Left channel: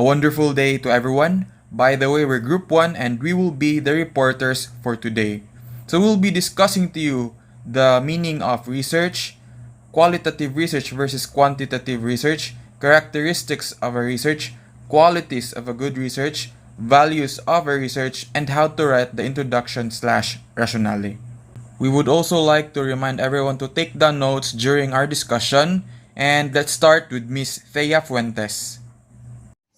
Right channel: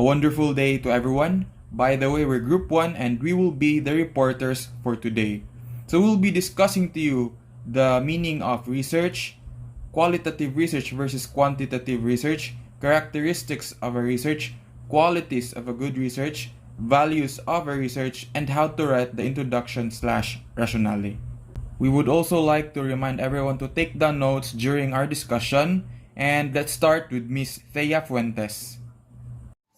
A wonderful day to everyone. By the way, we're Group 1 and we will be the reporters for today. So we'll be discussing to you the meaning of research, qualitative research versus quantitative research, characteristics of a research, qualities of a good research, values of a research, and how to write the introduction/rationale. We would also like to remind everyone to take down notes during our discussion, and let's start with Miss Thea Fuentes.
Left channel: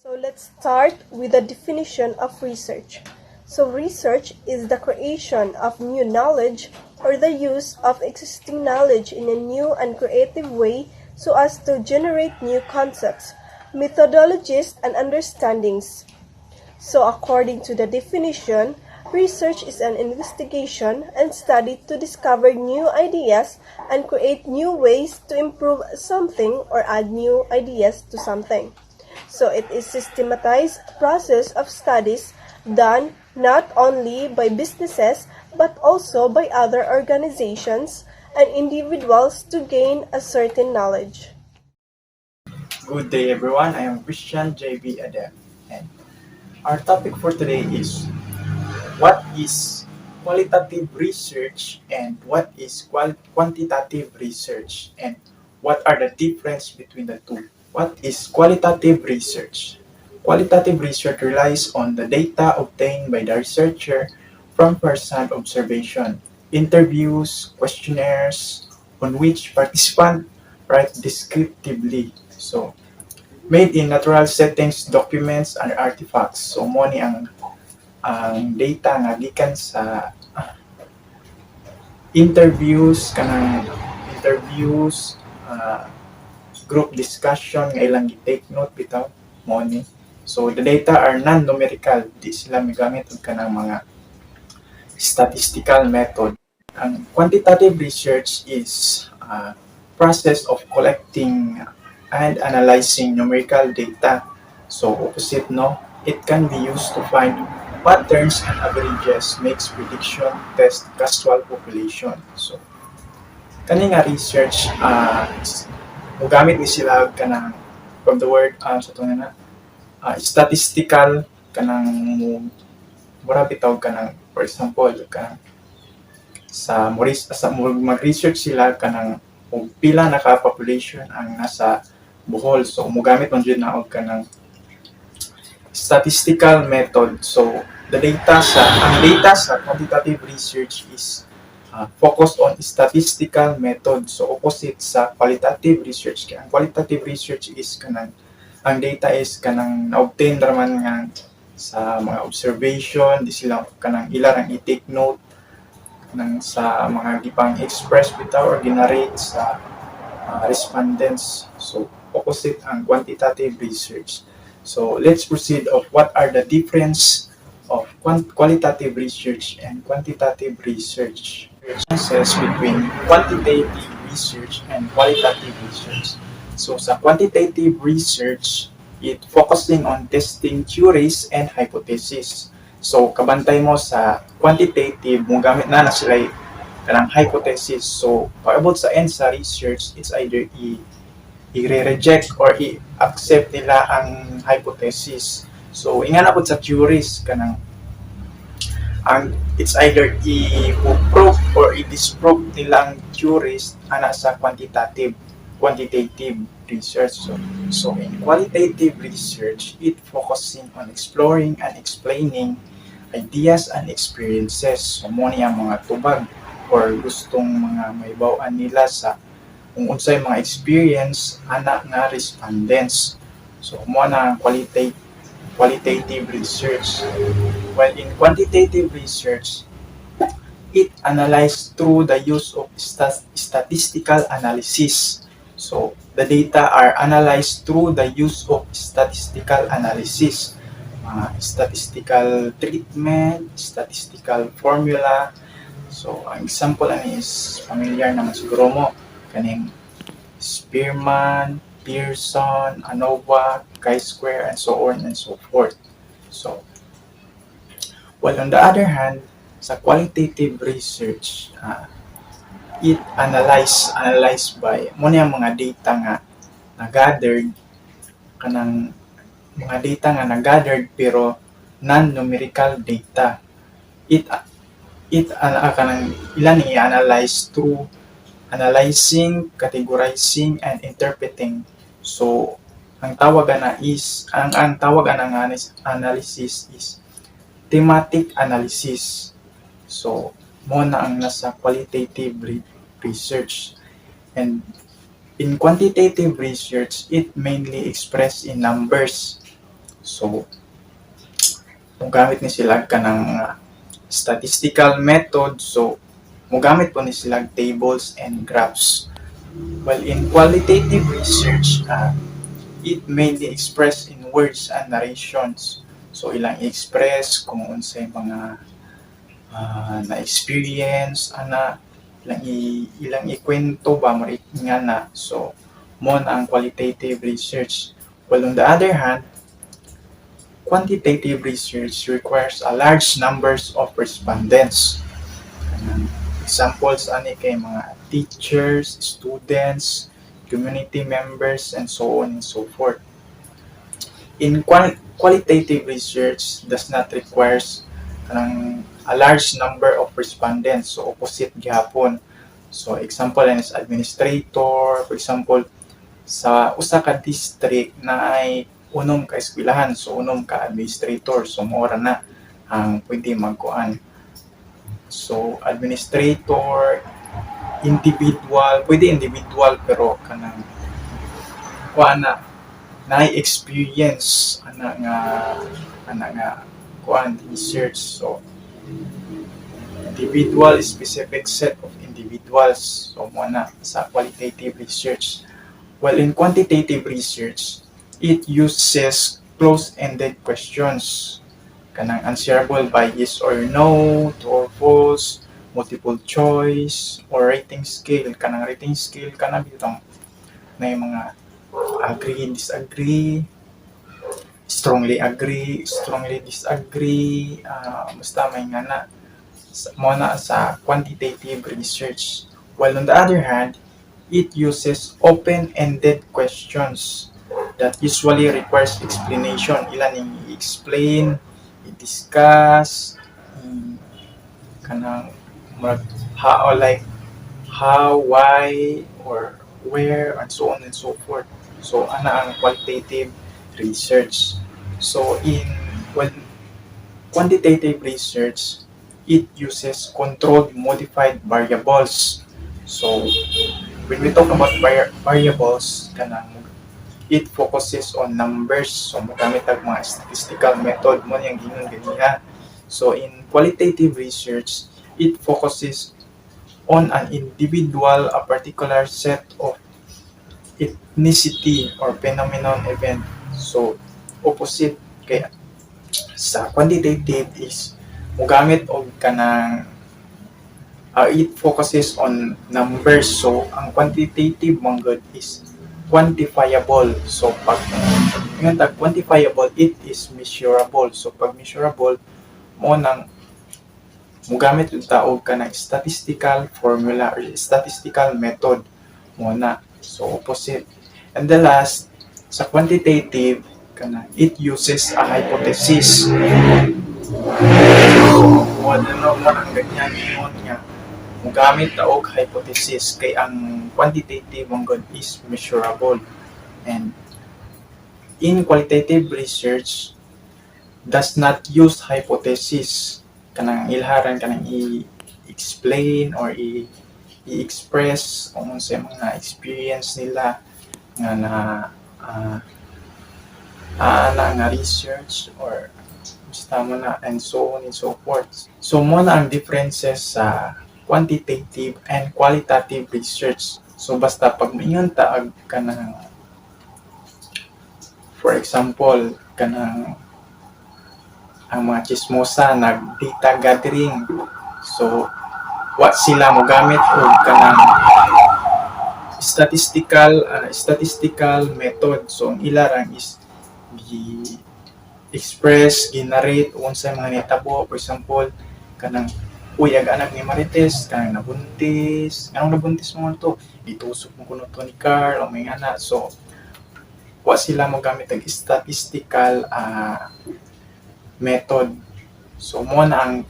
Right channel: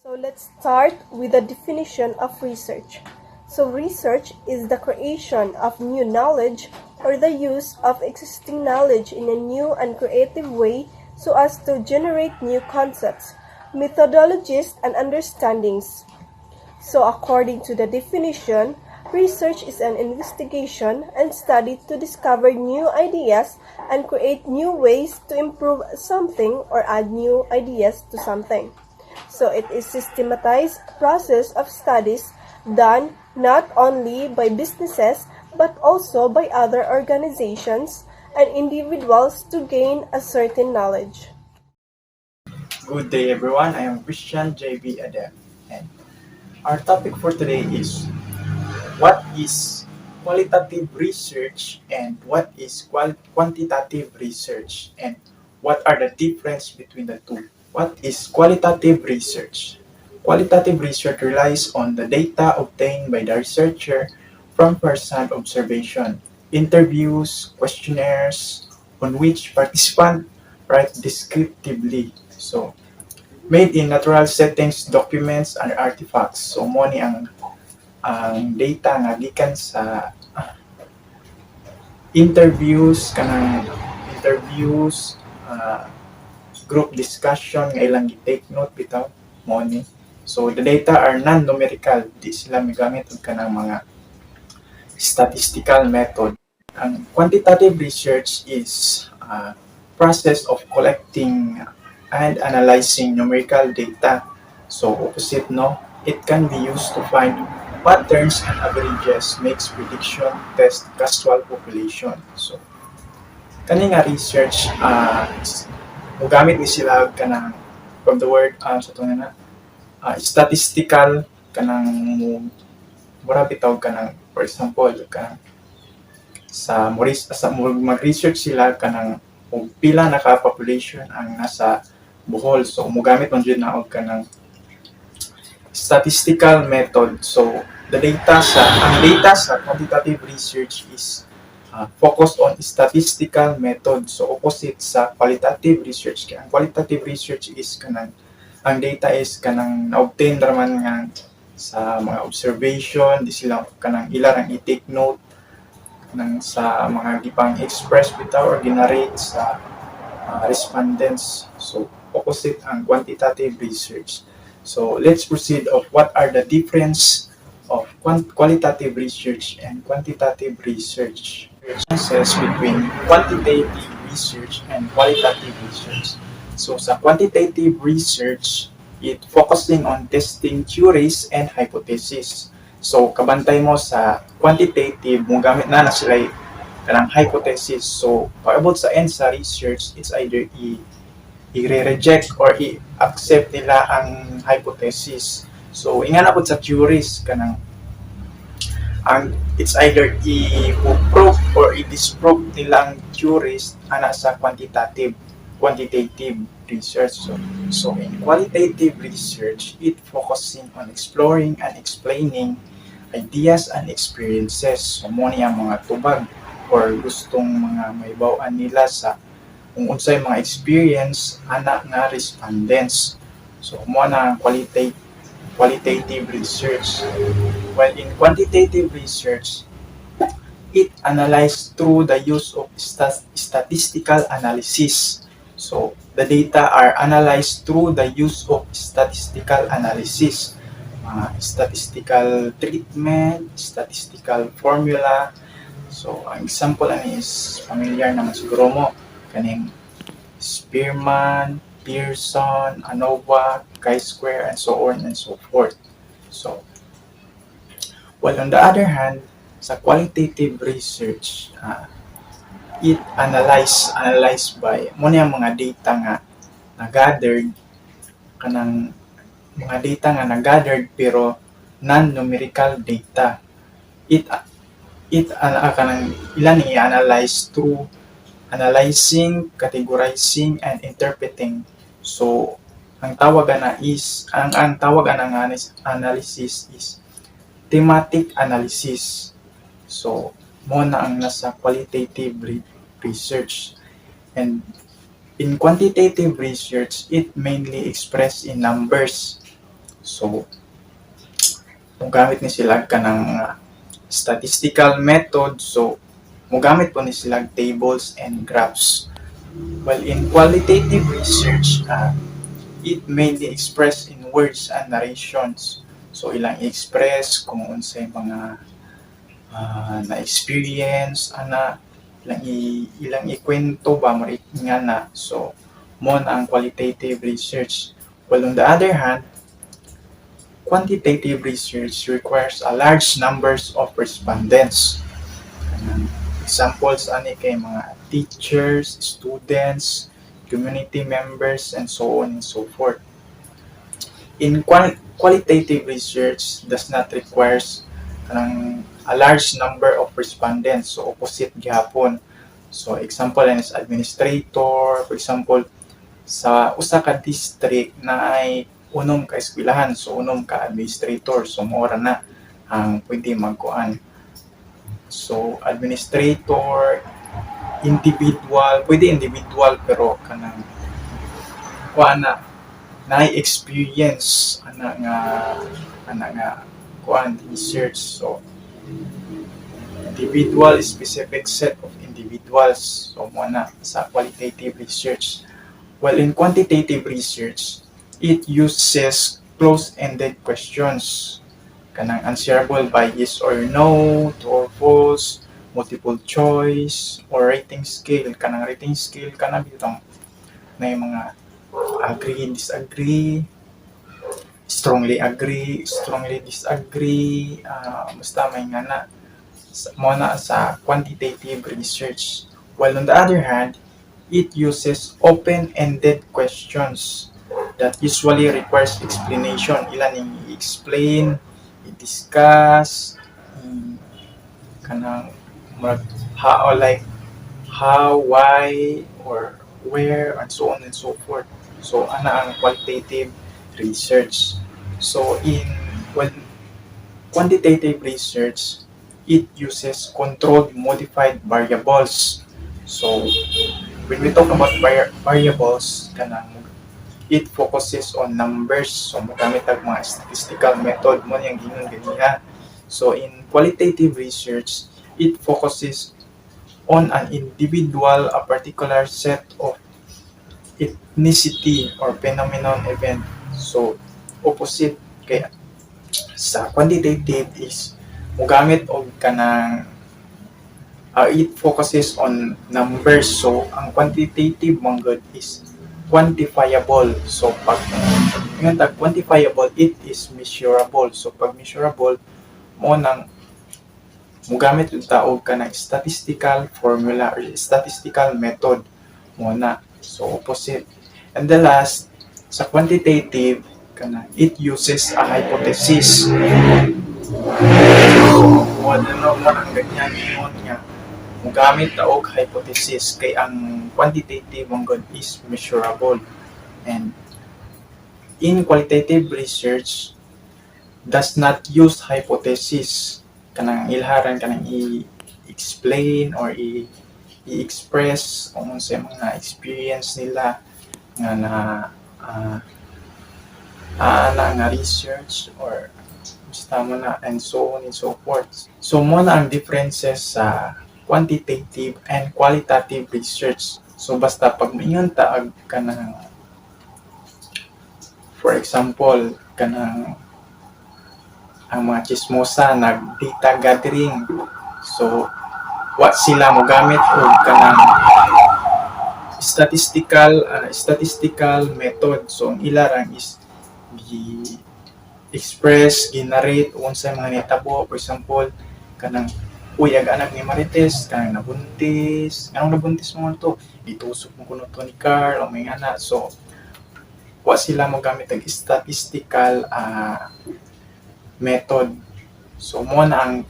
So let's start with the definition of research. So research is the creation of new knowledge or the use of existing knowledge in a new and creative way so as to generate new concepts, methodologies, and understandings. So according to the definition, research is an investigation and study to discover new ideas and create new ways to improve something or add new ideas to something. So it is a systematized process of studies done not only by businesses but also by other organizations and individuals to gain a certain knowledge. Good day everyone, I am Christian JB Adem and our topic for today is what is qualitative research and what is quantitative research and what are the difference between the two. What is qualitative research? Qualitative research relies on the data obtained by the researcher from first-hand observation, interviews, questionnaires, on which participants write descriptively. So, made in natural settings, documents, and artifacts. So, mo ni ang data nga gikan sa interviews, group discussion nga ilang gi-take note bitaw mo ni. So the data are non-numerical, di sila migamit og kanang mga statistical method. Ang quantitative research is a process of collecting and analyzing numerical data. So opposite no, it can be used to find patterns and averages, makes prediction, test casual population. So kani nga research mugamit ni sila kanang from the word sa tunga na statistical kanang mura bitaw kanang for example kanang sa mag-research sila kanang kung pila na ka population ang nasa Bohol, so mugamit man jud na og kanang statistical method. So ang data sa quantitative research is focused on statistical method, so opposite sa qualitative research. Kaya ang qualitative research is kanang ang data is kanang na-obtain raman nga sa mga observation, di sila kanang ilang i-take note kanang sa mga gipang express bitaw or ginarate sa respondents. So opposite ang quantitative research. So let's proceed of what are the difference of qualitative research and quantitative research. Differences between quantitative research and qualitative research. So sa quantitative research, it focusing on testing theories and hypotheses. So kabantay mo sa quantitative, mo gamit na sila kanang hypothesis. So paabot sa end sa research, it's either i-reject or i-accept nila ang hypothesis. So ingan abot sa theories kanang it's either i-prove or i-disprove nilang theories ana sa quantitative research. So in qualitative research, it focusing on exploring and explaining ideas and experiences. So mo niya mga tubag or gustong mga maibaw-an nila sa kung unsay mga experience ana nga respondents. So mo na qualitative research. While in quantitative research, it analyzed through the use of statistical analysis. So the data are analyzed through the use of statistical analysis, statistical treatment, statistical formula. So ang example ani is familiar naman siguro mo kaning Spearman, Pearson, ANOVA, chi-square, and so on and so forth. So, while on the other hand, sa qualitative research, it analyzed by mo niya mga data nga na gathered kanang mga data nga na-gathered pero non-numerical data. Kanang ilan i-analyze through analyzing, categorizing, and interpreting. So, ang tawag ana analysis is thematic analysis. So, mo na ang nasa qualitative research. And in quantitative research, it mainly expressed in numbers. So, mugamit ni sila ka ng statistical method. So, mugamit po ni sila tables and graphs. While in qualitative research, it mainly expressed in words and narrations. So, ilang i-express kung unsay mga na-experience, ilang ikwento ba nga na. So, mo na ang qualitative research. While on the other hand, quantitative research requires a large numbers of respondents. Examples ani kay mga teachers, students, community members, and so on and so forth. In qualitative research does not requires a large number of respondents. So, opposite gihapon. So, example is administrator. For example, sa usa ka district na ay unom ka eskwelahan. So, unom ka administrator. So, mora na ang pwede magkuan. So, administrator, individual, pwede individual pero kanang kuan na experience nga kuan research. So, individual specific set of individuals. So, mo na sa qualitative research. While in quantitative research, it uses close-ended questions. Kanang answerable by yes or no, true or false, multiple choice, or rating scale. Kanang rating scale kanang bitong na yung mga agree, disagree, strongly agree, strongly disagree, basta may nga na mo na sa quantitative research. While on the other hand, it uses open-ended questions that usually requires explanation. Ilan yung i-explain, i-discuss, kanang how, why, or where, and so on and so forth. So, ana ang qualitative research. So, quantitative research, it uses controlled modified variables. So, when we talk about variables, it focuses on numbers. So, magamit ang mga statistical method mo niyang gingan. So, in qualitative research, it focuses on an individual, a particular set of ethnicity or phenomenon event. So, opposite kaya sa quantitative is mugamit og kanang it focuses on numbers. So, ang quantitative manggod is quantifiable. So, pag quantifiable, it is measurable. So, pag measurable, mo nang mugamit yung taog ka ng statistical formula or statistical method mo na. So, opposite. And the last, sa quantitative, it uses a hypothesis. So, ang ganyan yun nga. Mugamit taog hypothesis kay ang quantitative ang good is measurable. And in qualitative research, does not use hypothesis. Kanang ilharan kanang i-explain or i-express kung sa mga experience nila nga research or basta mo na and so on and so forth. So mo na ang differences sa quantitative and qualitative research. So basta pag maingon taag kanang for example kanang ang mga chismosa nag-data gathering. So, what sila mo gamit o kanang statistical method. So, ang ilarang is gi-express, gi-narrate, unsay mga nitabo. For example, kanang ang anak ni Marites, kanang nabuntis. Anong nabuntis mo to? Itusok mo kuno to ni Carl, o may anak. So, wa sila mo gamit ang statistical method. So mo na ang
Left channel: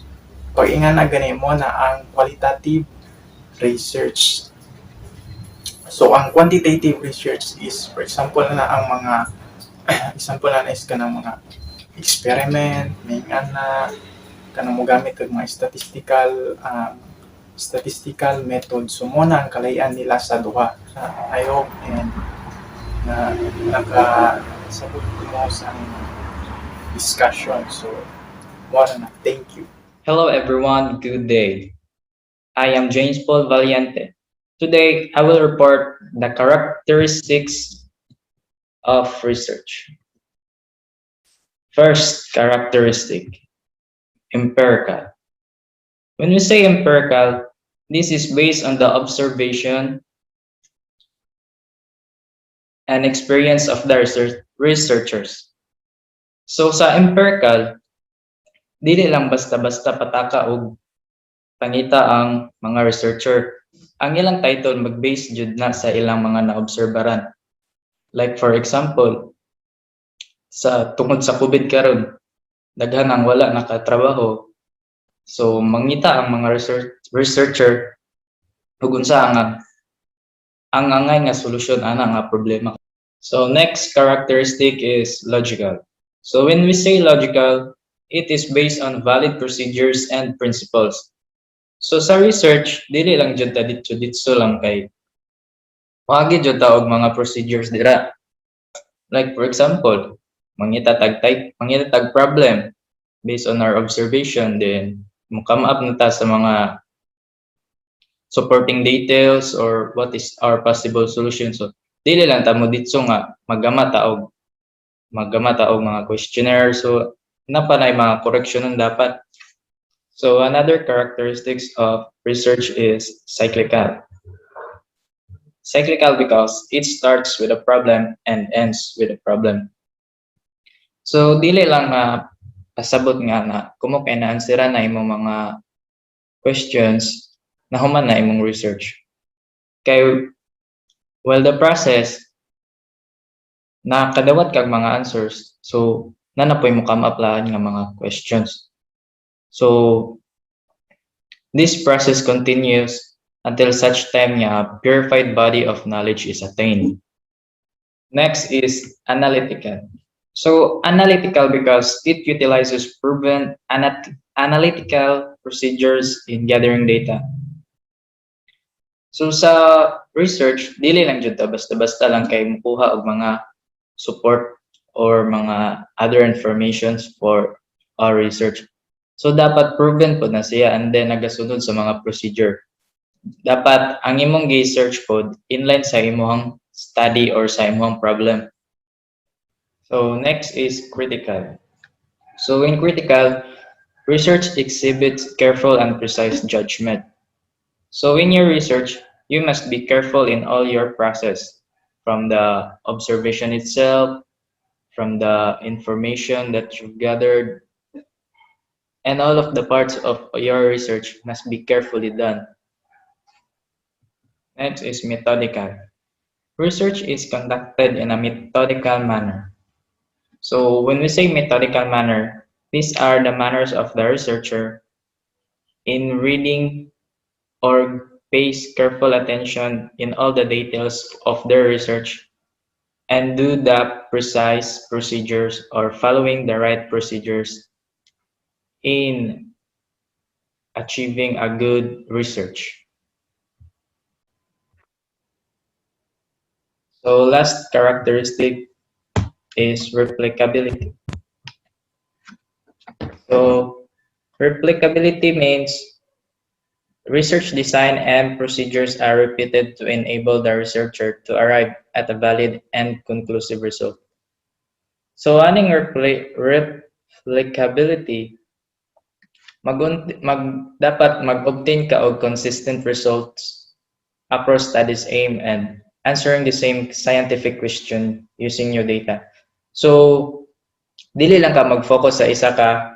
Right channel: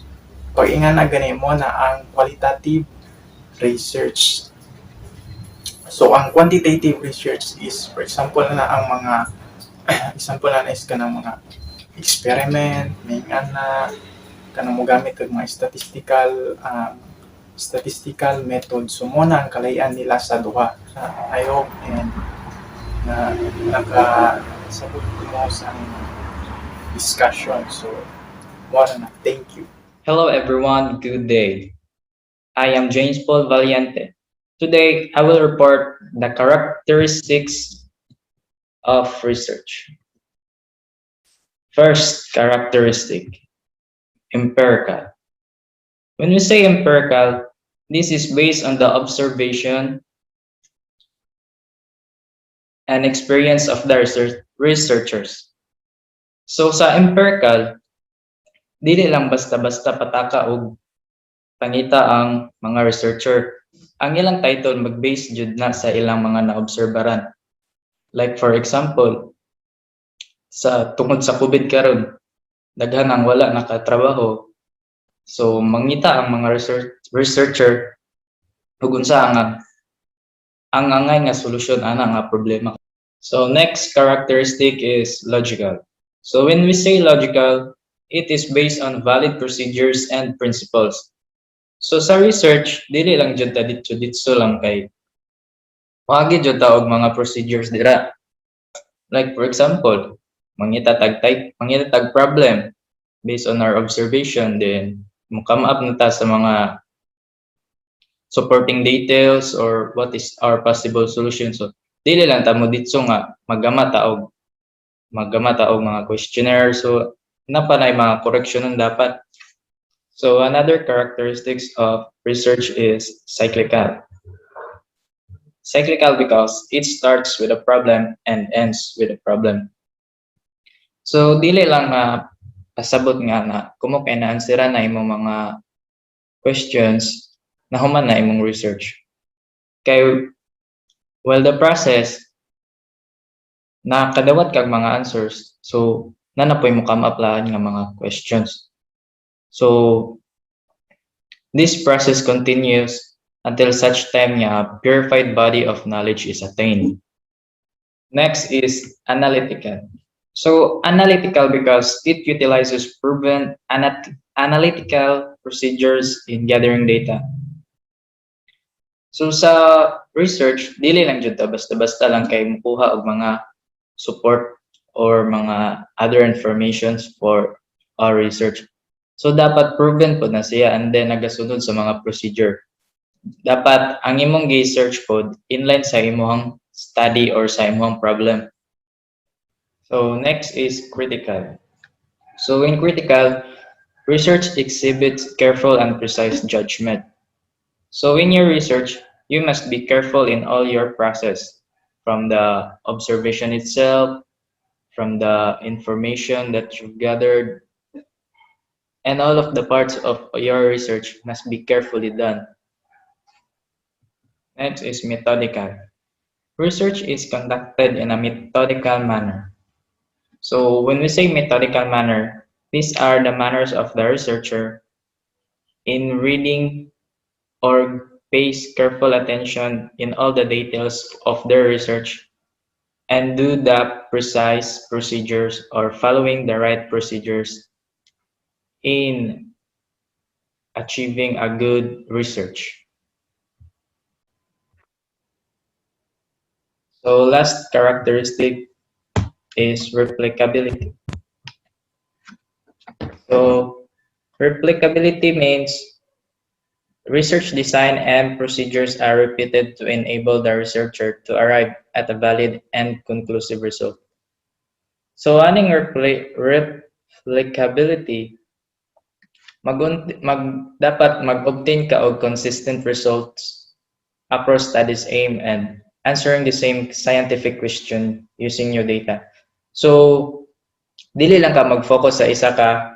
pag-ingan na gani mo na ang qualitative research. So ang quantitative research is, for example na ang mga example na is kanang mga experiment, may na kanang mo gamit og mga statistical method. So mo na ang kalayan nila sa duha. I hope and na nakasabot ko mo sa discussion. So more na. Thank you. Hello everyone, good day. I am James Paul Valiente. Today, I will report the characteristics of research. First characteristic, empirical. When we say empirical, this is based on the observation and experience of the researchers. So sa empirical, dili lang basta-basta pataka og pangita ang mga researcher. Ang ilang title mag-base jud na sa ilang mga naobserbaran. Like for example, tungod sa COVID karon, daghan ang wala nakatrabaho. So mangita ang mga researcher ug unsa ang angay nga solusyon ana nga problema. So next characteristic is logical. So when we say logical, it is based on valid procedures and principles. So sa research, dili lang jud ta dito lang kay wagi jud ta og mga procedures dira. Like for example, mangita tag problem based on our observation, then mo come up na ta sa mga supporting details or what is our possible solution. So dili lang ta mo dito nga maggama ta og mga questionnaire. So napanay mga correction ang dapat. So another characteristics of research is cyclical. Cyclical because it starts with a problem and ends with a problem. So dili lang pasabot nga na kumo kay na-answera na imong mga questions na human na imong research. Kay while the process na kadawat kag mga answers, so nanapoy mo come up lang nga mga questions. So this process continues until such time a purified body of knowledge is attained. Next is analytical. So analytical because it utilizes proven analytical procedures in gathering data. So sa research, dili lang jud ta basta-basta lang kay mukuha og mga support or mga other informations for our research. So dapat proven po na siya and then nagasunod sa mga procedure. Dapat ang imong gi-search pod inline sa imong study or sa imong problem. So next is critical. So in critical, research exhibits careful and precise judgment. So in your research, you must be careful in all your process, from the observation itself, from the information that you've gathered, and all of the parts of your research must be carefully done. Next is methodical. Research is conducted in a methodical manner. So when we say methodical manner, these are the manners of the researcher in reading or pays careful attention in all the details of their research and do the precise procedures or following the right procedures in achieving a good research. So last characteristic is replicability. So replicability means research design and procedures are repeated to enable the researcher to arrive at a valid and conclusive result. So aning replicability, dapat mag-obtain ka og consistent results across studies aim and answering the same scientific question using your data. So dili lang ka mag-focus sa isa ka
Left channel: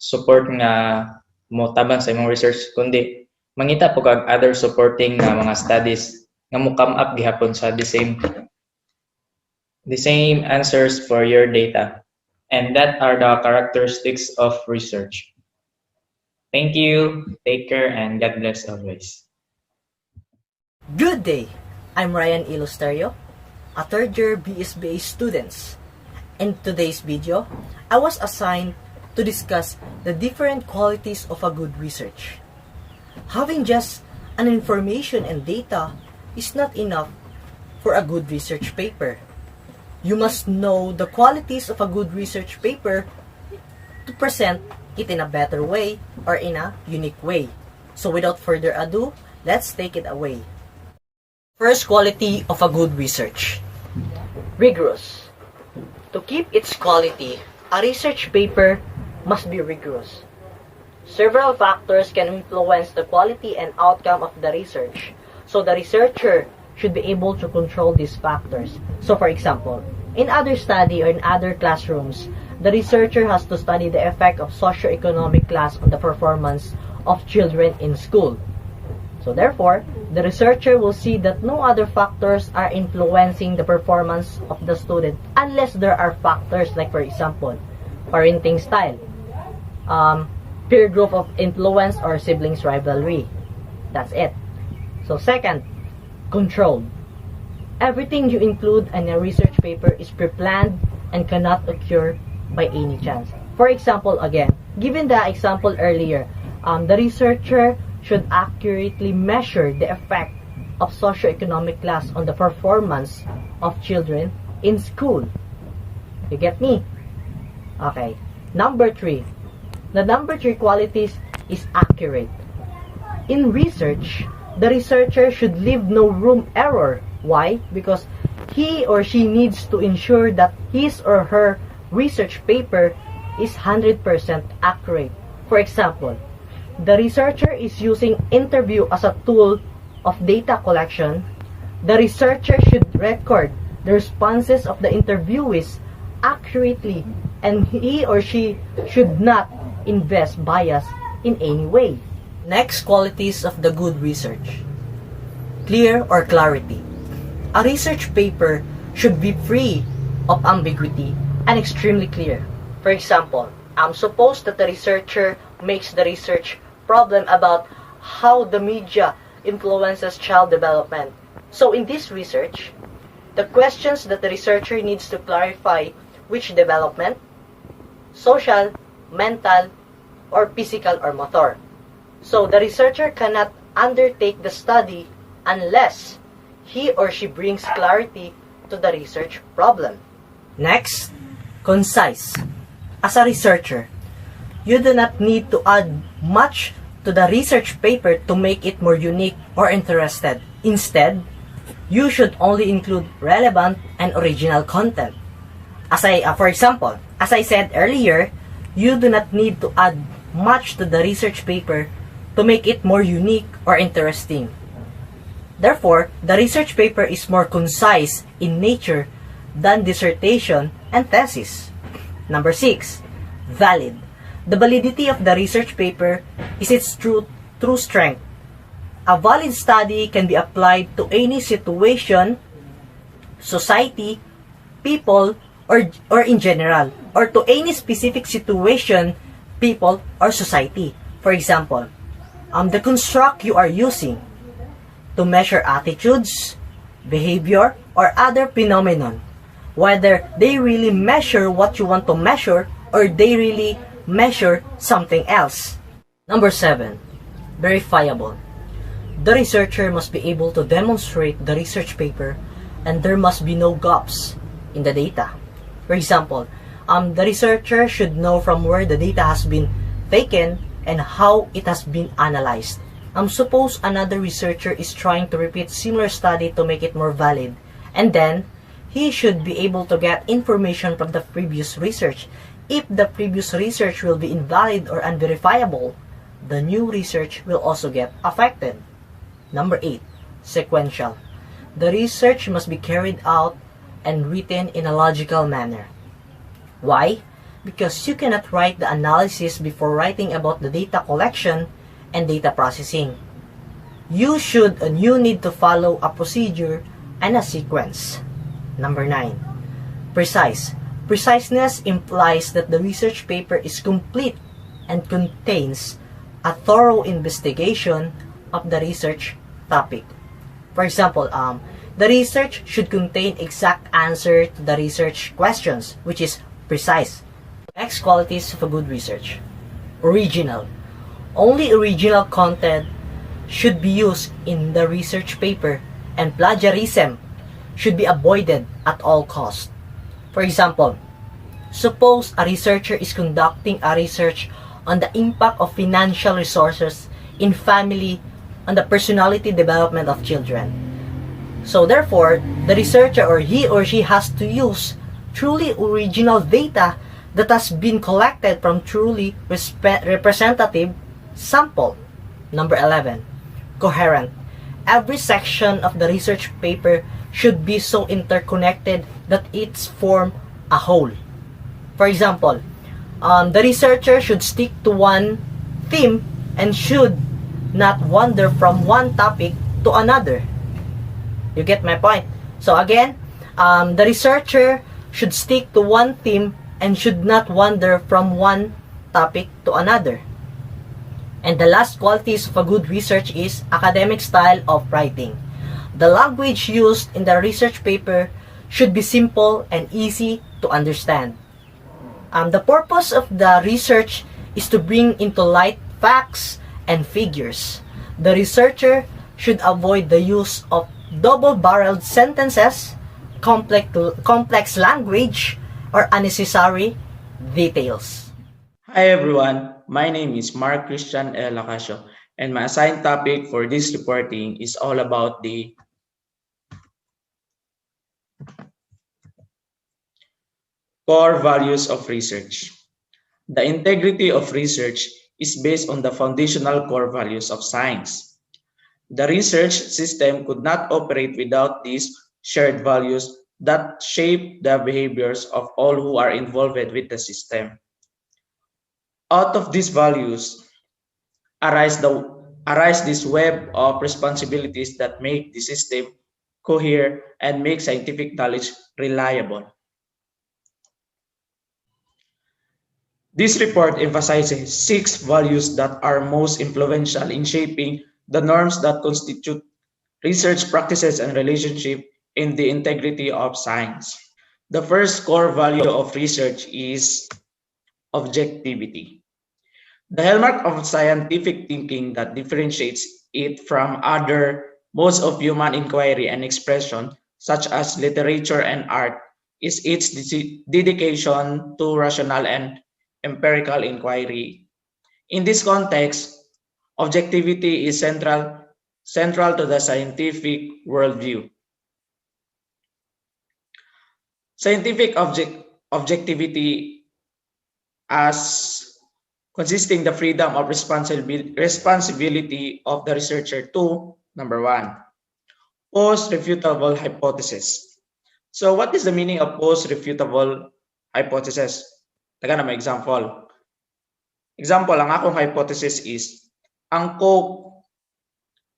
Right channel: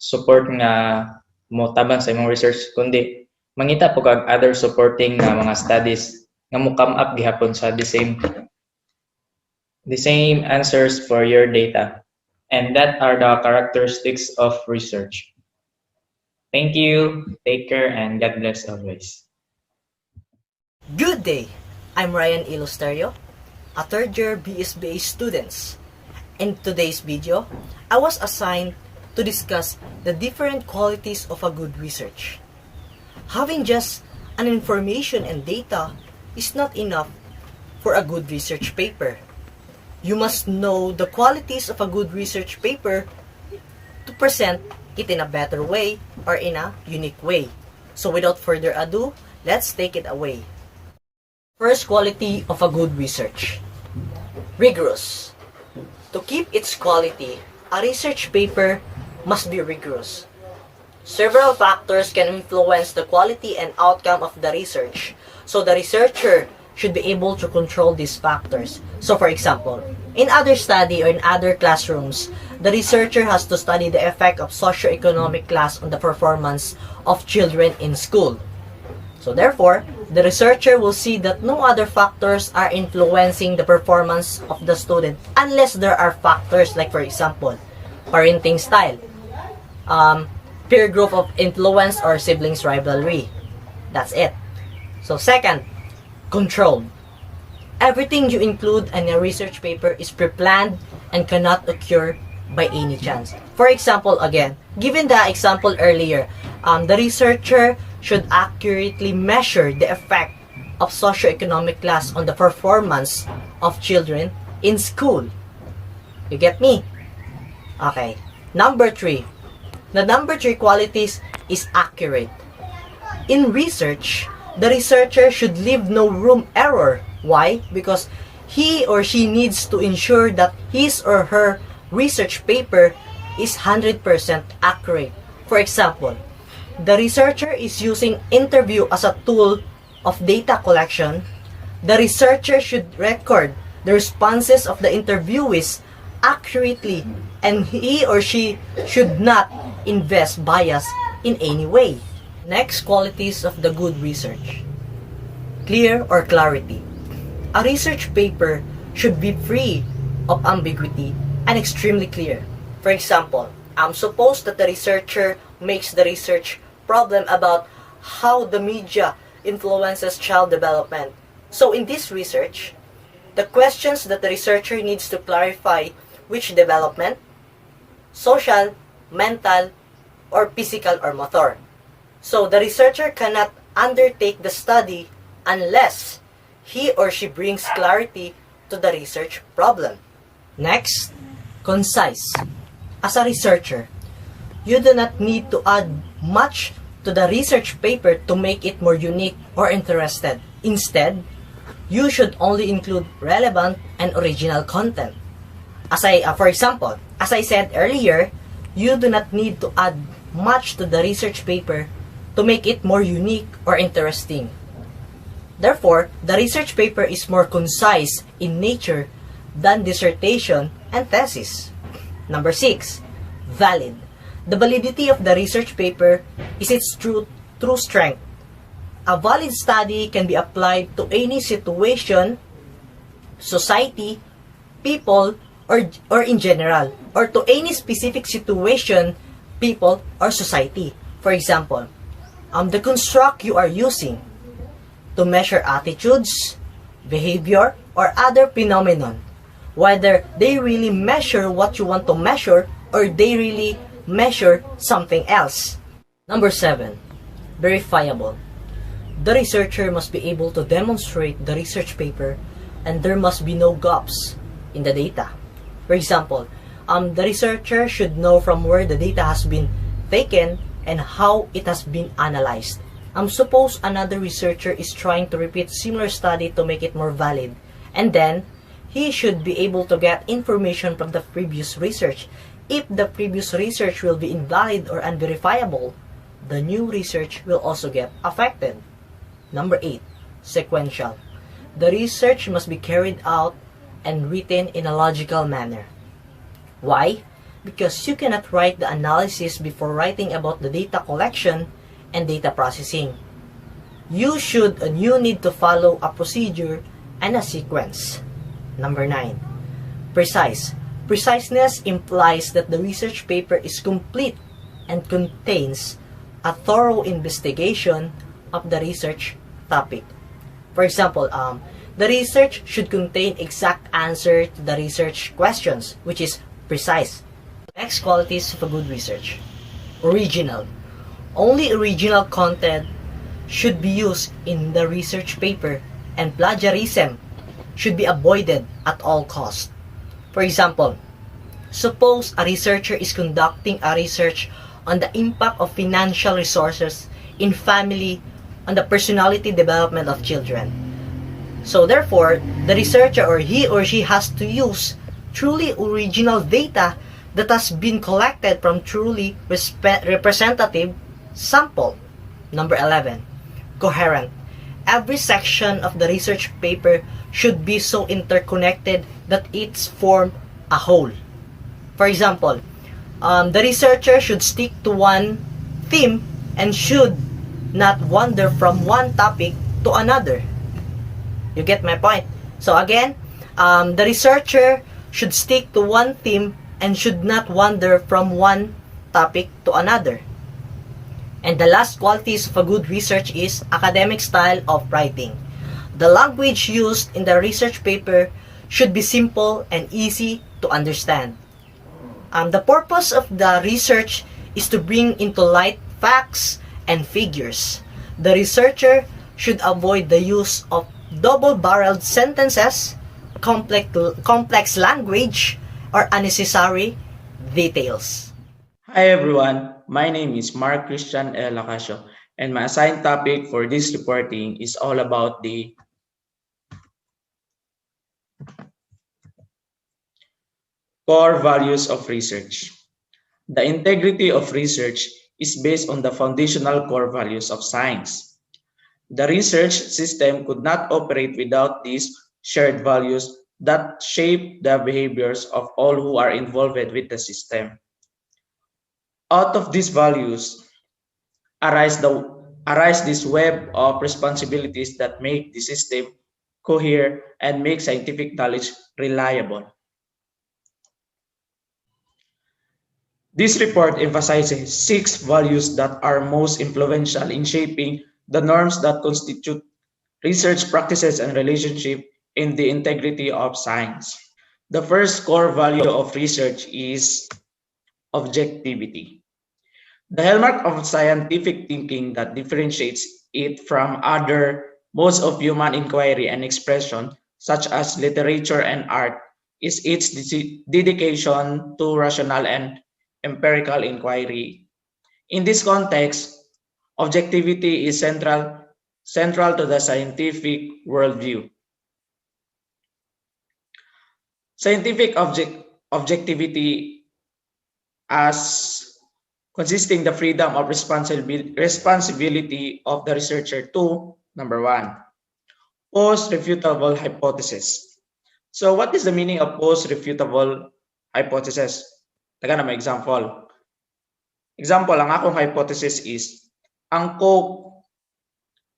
support nga mo tabang sa imong research, kundi mangita po kag other supporting nga mga studies nga mo come up gihapon sa the same the same answers for your data. And that are the characteristics of research. Thank you, take care, and God bless always. Good day! I'm Ryan Ilusterio, a third-year BSBA student. In today's video, I was assigned to discuss the different qualities of a good research. Having just an information and data is not enough for a good research paper. You must know the qualities of a good research paper to present it in a better way or in a unique way. So without further ado, let's take it away. First quality of a good research: rigorous. To keep its quality, a research paper must be rigorous. Several factors can influence the quality and outcome of the research, so the researcher should be able to control these factors. So for example, in other study or in other classrooms, the researcher has to study the effect of socioeconomic class on the performance of children in school. So therefore, the researcher will see that no other factors are influencing the performance of the student unless there are factors like, for example, parenting style, peer group of influence, or siblings rivalry. That's it. So second, controlled. Everything you include in a research paper is pre-planned and cannot occur by any chance. For example, again, given the example earlier, the researcher should accurately measure the effect of socioeconomic class on the performance of children in school. You get me? Okay. Number 3. The number 3 qualities is accurate. In research, the researcher should leave no room error. Why? Because he or she needs to ensure that his or her research paper is 100% accurate. For example, the researcher is using interview as a tool of data collection. The researcher should record the responses of the interviewees accurately, and he or she should not invest bias in any way. Next qualities of the good research: clear or clarity. A research paper should be free of ambiguity and extremely clear. For example, suppose that the researcher makes the research problem about how the media influences child development. So in this research, the questions that the researcher needs to clarify which development: social, mental, or physical or motor. So the researcher cannot undertake the study unless he or she brings clarity to the research problem. Next, concise. As a researcher, you do not need to add much to the research paper to make it more unique or interested. Instead, you should only include relevant and original content. For example, as I said earlier, you do not need to add much to the research paper to make it more unique or interesting. Therefore, the research paper is more concise in nature than dissertation and thesis. Number 6, valid. The validity of the research paper is its true strength. A valid study can be applied to any situation, society, people, or in general, or to any specific situation, people, or society. For example, the construct you are using to measure attitudes, behavior, or other phenomenon, whether they really measure what you want to measure or they really measure something else. Number 7, verifiable. The researcher must be able to demonstrate the research paper and there must be no gaps in the data. For example, the researcher should know from where the data has been taken and how it has been analyzed. Suppose another researcher is trying to repeat similar study to make it more valid, and then he should be able to get information from the previous research. If the previous research will be invalid or unverifiable, the new research will also get affected. Number 8, sequential. The research must be carried out and written in a logical manner. Why? Because you cannot write the analysis before writing about the data collection and data processing. You need to follow a procedure and a sequence. Number 9, Precise. Preciseness implies that the research paper is complete and contains a thorough investigation of the research topic. For example, the research should contain exact answer to the research questions, which is precise. Next qualities of a good research. Original. Only original content should be used in the research paper, and plagiarism should be avoided at all costs. For example, suppose a researcher is conducting a research on the impact of financial resources in family on the personality development of children. So therefore, the researcher or he or she has to use truly original data that has been collected from truly representative sample. Number 11, coherent. Every section of the research paper should be so interconnected that it's form a whole. For example, the researcher should stick to one theme and should not wander from one topic to another. You get my point? So again, the researcher should stick to one theme and should not wander from one topic to another. And the last qualities of a good research is academic style of writing. The language used in the research paper should be simple and easy to understand. The purpose of the research is to bring into light facts and figures. The researcher should avoid the use of double-barreled sentences, complex language, or unnecessary details. Hi everyone, my name is Mark Christian L. Lacasio, and my assigned topic for this reporting is all about the core values of research. The integrity of research is based on the foundational core values of science. The research system could not operate without these shared values that shape the behaviors of all who are involved with the system. Out of these values arise this web of responsibilities that make the system cohere and make scientific knowledge reliable. This report emphasizes 6 values that are most influential in shaping the norms that constitute research practices and relationship in the integrity of science. The first core value of research is objectivity. The hallmark of scientific thinking that differentiates it from other modes of human inquiry and expression, such as literature and art, is its dedication to rational and empirical inquiry. In this context, objectivity is central to the scientific worldview. Scientific objectivity as consisting the freedom of responsibility of the researcher to, number 1, post-refutable hypothesis. So what is the meaning of post-refutable hypothesis? Taga na may example. Example, ang akong hypothesis is, ang Coke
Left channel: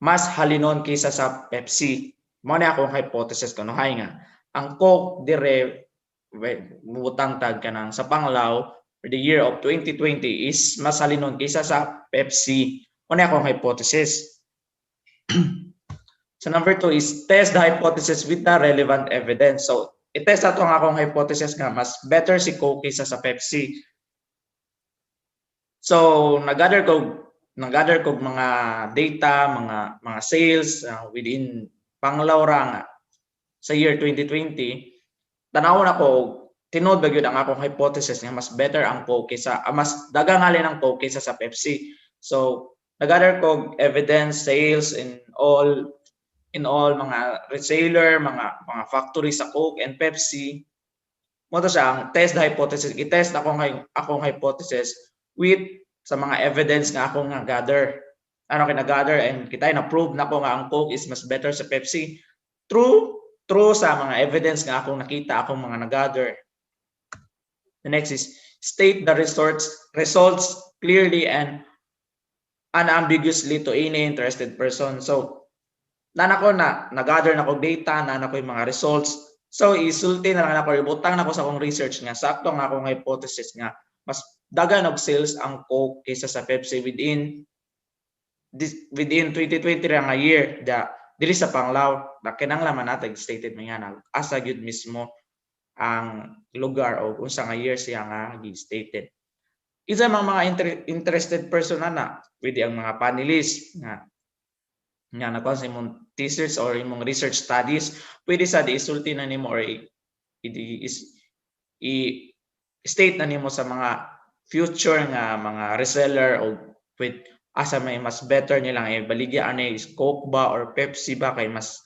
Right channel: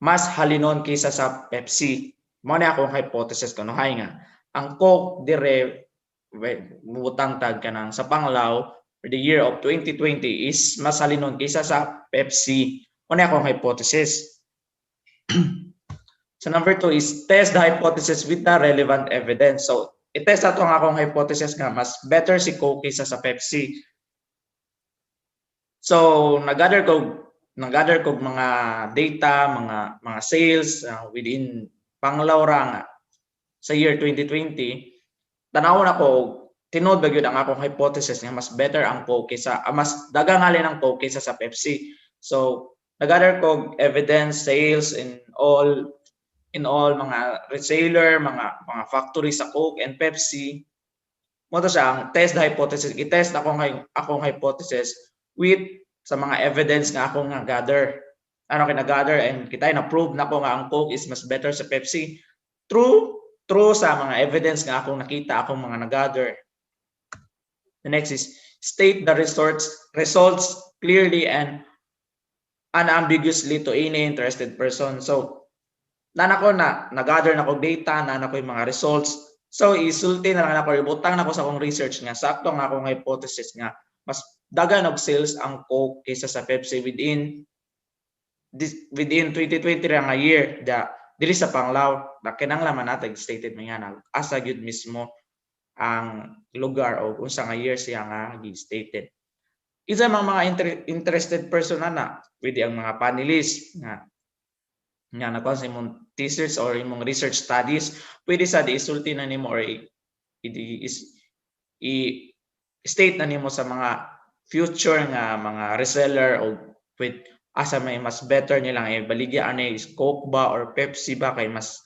mas halinon kaysa sa Pepsi. Mao na akong hypothesis ko, no? Hay nga, ang Coke dire, mutang tag ka nang sa Panglao, for the year of 2020 is mas halinon kaysa sa Pepsi. Mao na akong hypothesis. So number 2 is test the hypothesis with the relevant evidence. So i-test ato ang akong hypothesis nga mas better si Coke kaysa sa Pepsi. So nag-gather ko mga data, mga sales within Panglao nga sa year 2020. Tanawon ako tinud ba gyud ang akong hypothesis nga mas better ang Coke kaysa mas daghang halin ang Coke kaysa sa Pepsi. So nag-gather ko evidence, sales in all mga retailer, mga factory sa Coke and Pepsi. Mo to siya ang test the hypothesis. I-test akong hypothesis with sa mga evidence nga akong gather. Ano kina-gather and kita na-prove na ko nga ang Coke is mas better sa Pepsi through sa mga evidence nga akong nakita akong mga na-gather. The next is state the results clearly and unambiguously to any interested person. So nana ko na gather na ko data, nana ko yung mga results So isulti na lang ako, ibutang na ko sa akong research nga sakto nga akong hypothesis nga mas dagan og sales ang Coke kaysa sa Pepsi within 2020 ra nga year diri sa Panglao kinahanglan natag stated man nga asa gyud mismo ang lugar o unsa nga year siya nga gi-stated. Isa mga interested person na pwede ang mga panelists nga nakuha sa imong thesis or imong research studies, pwede sa isulti na nimo or i-state na nimo sa mga future nga mga reseller o with asa may mas better nilang ibaligya ani is Coke ba or Pepsi ba kay mas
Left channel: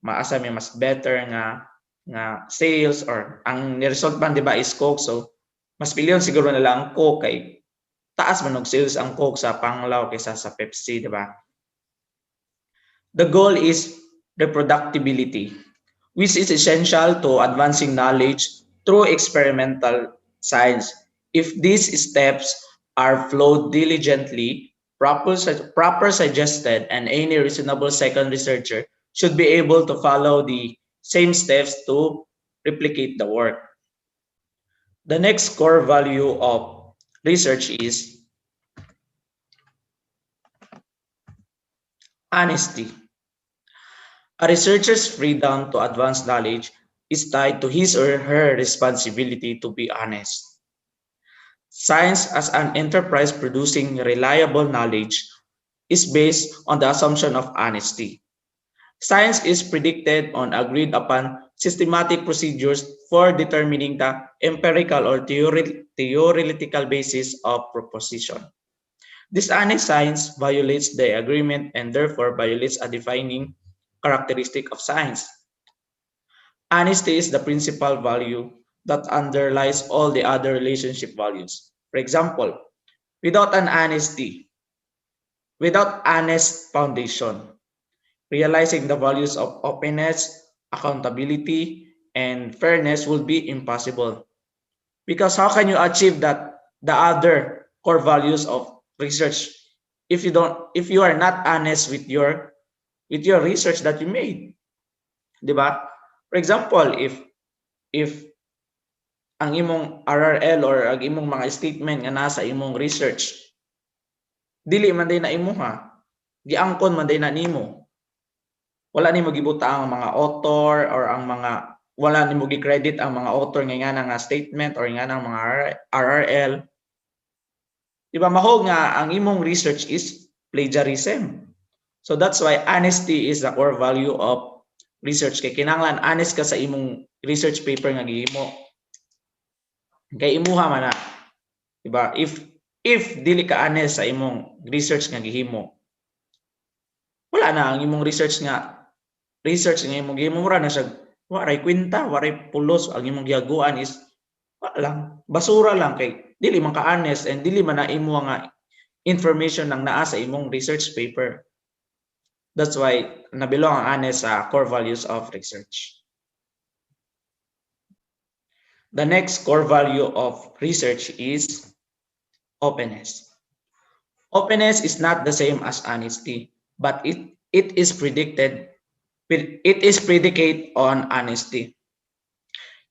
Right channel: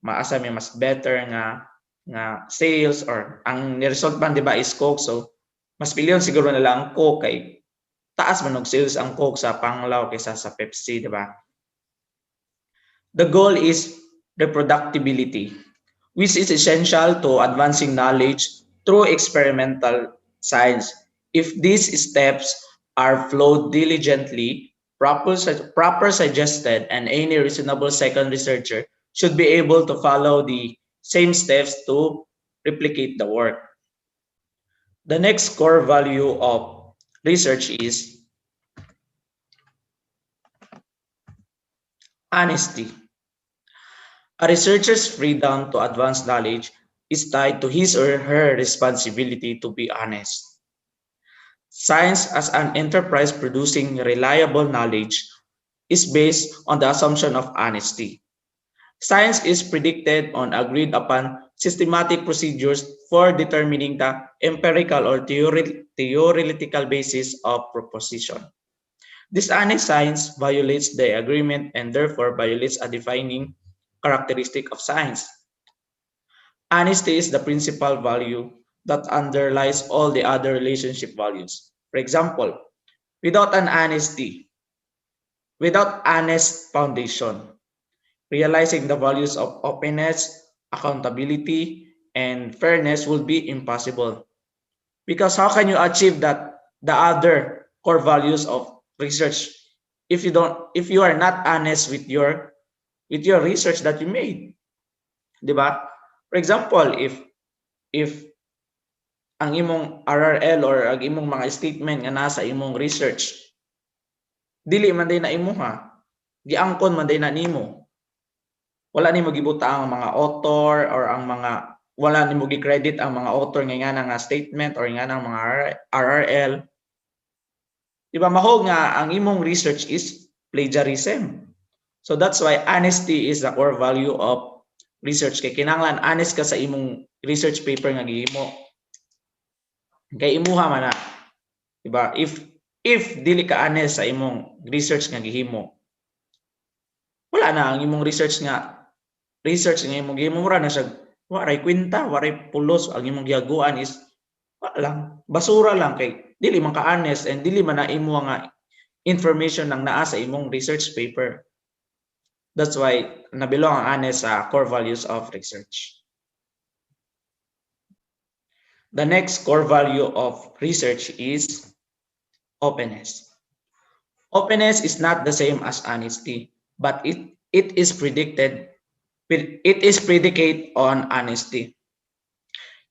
maasa may mas better nga sales or ang result ban di ba is Coke, so mas pilyon siguro nila ang Coke kay taas man og sales ang Coke sa Panglao kaysa sa Pepsi, di ba? The goal is reproducibility, which is essential to advancing knowledge through experimental science. If these steps are followed diligently, proper suggested, and any reasonable second researcher should be able to follow the same steps to replicate the work. The next core value of research is honesty. A researcher's freedom to advance knowledge is tied to his or her responsibility to be honest. Science as an enterprise producing reliable knowledge is based on the assumption of honesty. Science is predicted on agreed upon systematic procedures for determining the empirical or theoretical basis of proposition. Dishonest science violates the agreement and therefore violates a defining characteristic of science. Honesty is the principal value that underlies all the other relationship values. For example, without honest foundation, realizing the values of openness, accountability, and fairness will be impossible. Because how can you achieve the other core values of research if you are not honest with your research that you made, di ba? For example, if ang imong RRL or ang imong mga statement nga nasa imong research dili man day na imuha, giangkon man day na nimo, wala nimo gibuta ang mga author or ang mga wala nimo gi-credit ang mga author nga nga statement or nga ng mga RRL, di ba mahog nga ang imong research is plagiarism. So that's why honesty is the core value of research. Kay kinahanglan honest ka sa imong research paper nga gihimo. Kay imuha man na, di ba? If dili ka honest sa imong research nga gihimo, wala na ang imong research nga imong gihimo ra na siya waray kwenta, waray pulos, ang imong gihaguan is wala lang, basura lang kay dili man ka honest and dili man na imo nga information nang naa sa imong research paper. That's why nabilong ang honest sa core values of research. The next core value of research is openness. Openness is not the same as honesty, but it is predicated on honesty.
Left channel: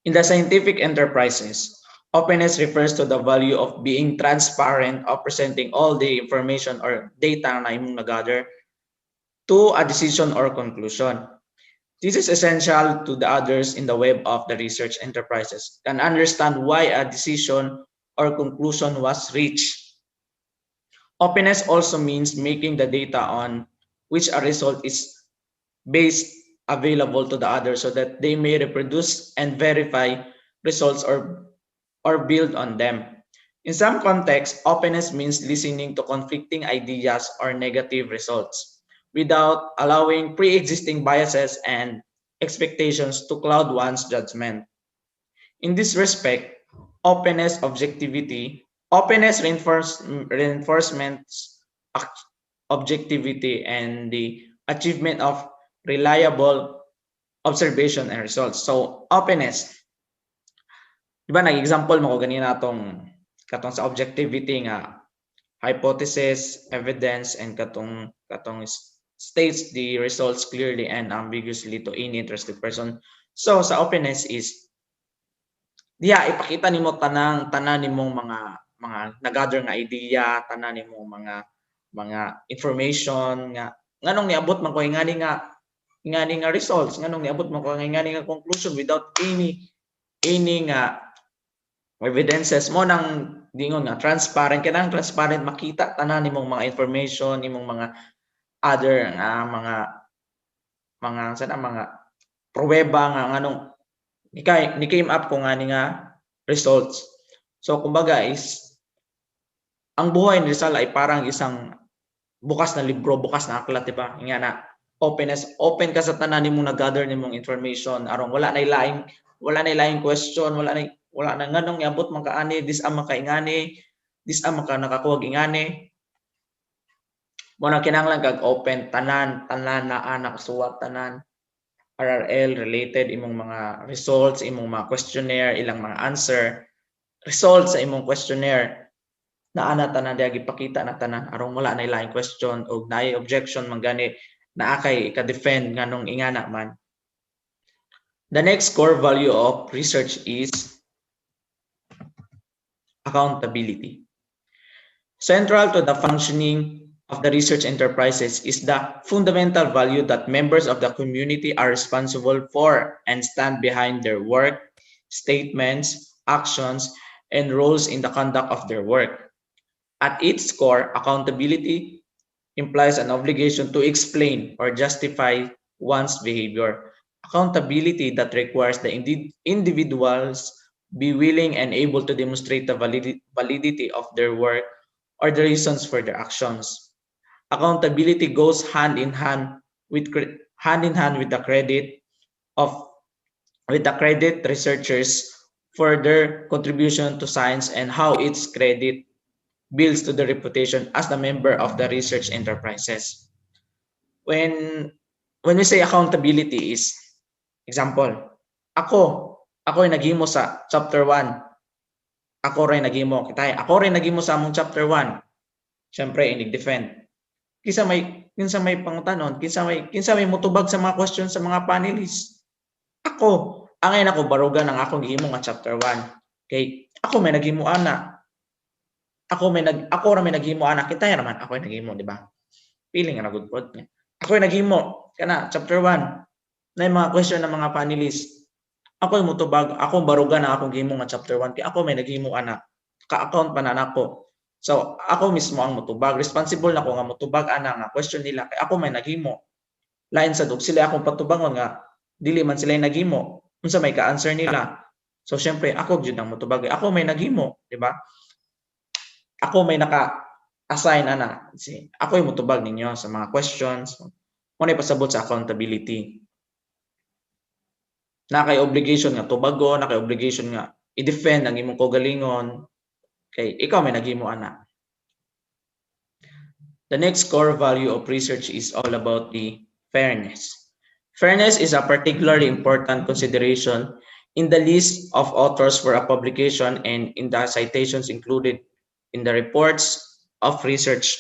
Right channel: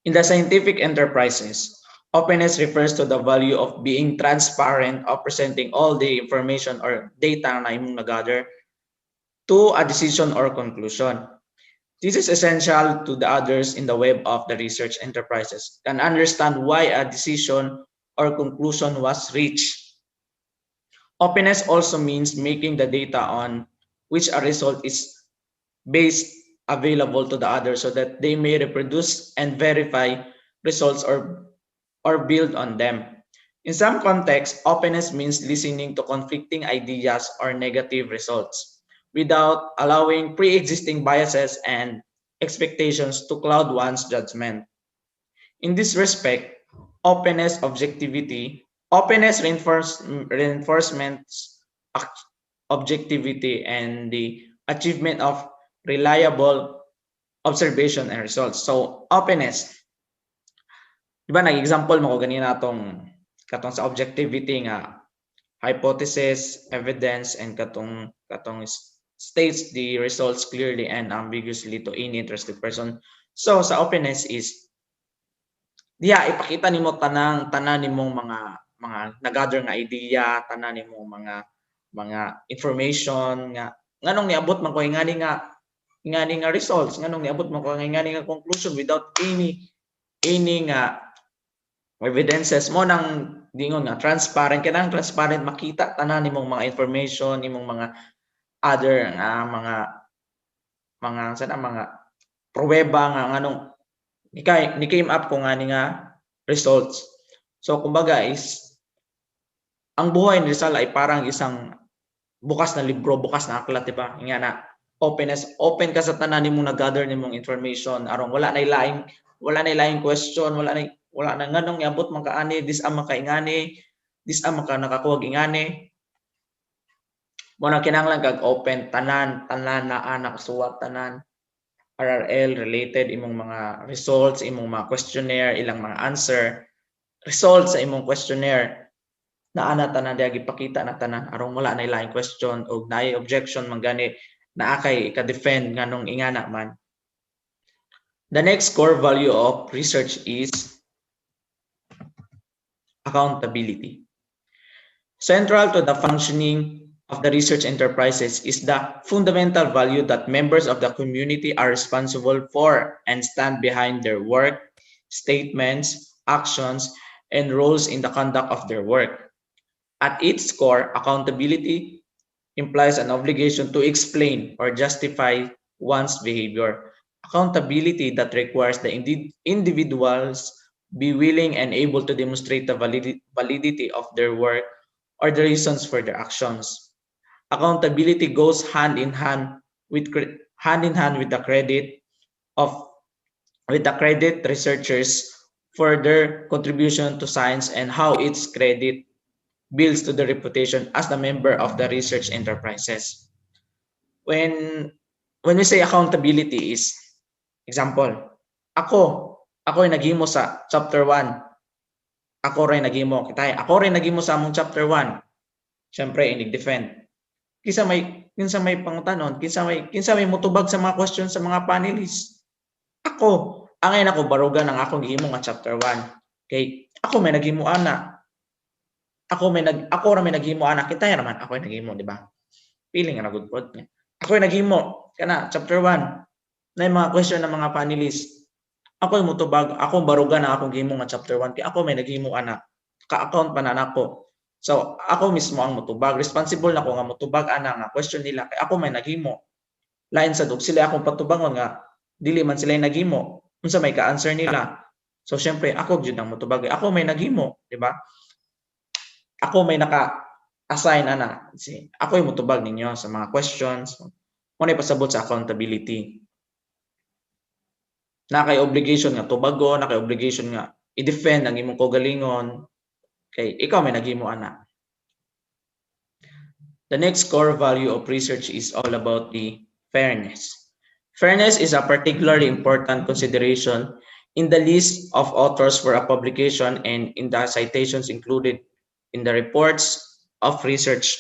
In the scientific enterprises, openness refers to the value of being transparent, of presenting all the information or data na imong nagather to a decision or conclusion. This is essential to the others in the web of the research enterprises can understand why a decision or conclusion was reached. Openness also means making the data on which a result is based available to the others so that they may reproduce and verify results or build on them. In some contexts, openness means listening to conflicting ideas or negative results without allowing pre-existing biases and expectations to cloud one's judgment. In this respect, openness reinforcements objectivity and the achievement of reliable observation and results. So, openness. Diba, nag-example mo ko ganina katong sa objectivity nga hypothesis, evidence, and katong states the results clearly and ambiguously to any interested person. So sa openness is diya ipakita nimo tanan nimong mga nagather nga idea, tanan nimong mga information nga nganong niabot man ko ingani nga results, nganong niabot man ko ingani nga conclusion without any nga evidences mo nang dingon nga transparent kanang transparent makita tanan nimong mga information, imong mga other nga mga pruweba nga nganong ni came up ko nga ni nga results. So kumbaga is ang buhay ni Rizal ay parang isang bukas na libro, bukas na aklat, di ba? Nga na open ka sa tanan nimong nag-gather nimong information aron wala na laing question, wala na nganong niabot man kaani, this ang makaingani, this ang maka nakakuwag ingani. Mo na kinahanglan kag open tanan na anak suwat tanan RRL related imong mga results, imong mga questionnaire, ilang mga answer, results sa imong questionnaire na ana tanan diya gipakita na tanan aron wala na laing question o naay objection man gani naa kay ka-defend nganong ingana man. The next core value of research is accountability. Central to the functioning of the research enterprises is the fundamental value that members of the community are responsible for and stand behind their work, statements, actions, and roles in the conduct of their work. At its core, accountability implies an obligation to explain or justify one's behavior. Accountability that requires the individuals be willing and able to demonstrate the validity of their work or the reasons for their actions. Accountability goes hand in hand with the credit of with the credit researchers for their contribution to science and how its credit builds to the reputation as the member of the research enterprises. When we say accountability is example, ako ay naghimo sa chapter 1. Ako rin naghimo sa among chapter 1. Syempre inig-defend. Kinsa may pangutanon, kinsa may motubag sa mga questions sa mga panelists. Ako, angay nako barugan ang akong gihimo nga chapter 1. Kay ako may naghimo ana. Ako ra may naghimo ana, kita raman ako ay naghimo, di ba? Feeling na good pod niya. Ako ay naghimo kana chapter 1. Na mga question ng mga panelists. Ako ay motubag, ako barugan ang akong gihimo nga chapter 1 kay ako may naghimo ana. Ka-account pa na nako. So, ako mismo ang motubag. Responsible na ko nga motubag ana nga question nila kay ako may naghimo. Lain sa dug sila akong patubangon nga dili man sila naghimo. Unsa may ka-answer nila. So, syempre ako gyud ang motubag. Ako may naghimo, di ba? Ako may naka-assign ana. Ako yung motubag ninyo sa mga questions. Mo na pasabot sa accountability. Na kay obligation nga tubagon, na kay obligation nga i-defend ang imong kaugalingon. Kay ikaw may naghimo ana. The next core value of research is all about the fairness. Fairness is a particularly important consideration in the list of authors for a publication and in the citations included in the reports of research.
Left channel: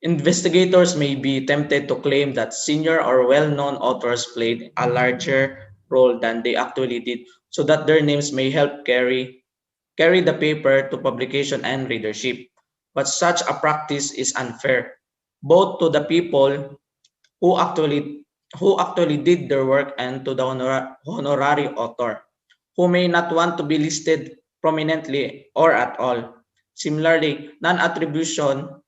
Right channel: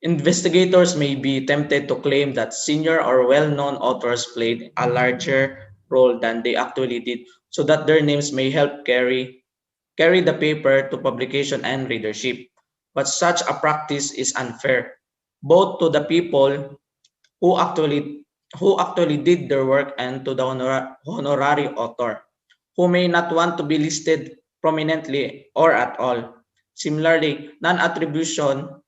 Investigators may be tempted to claim that senior or well-known authors played a larger role than they actually did, so that their names may help carry the paper to publication and readership. But such a practice is unfair, both to the people who actually did their work and to the honorary author, who may not want to be listed prominently or at all. Similarly, non-attribution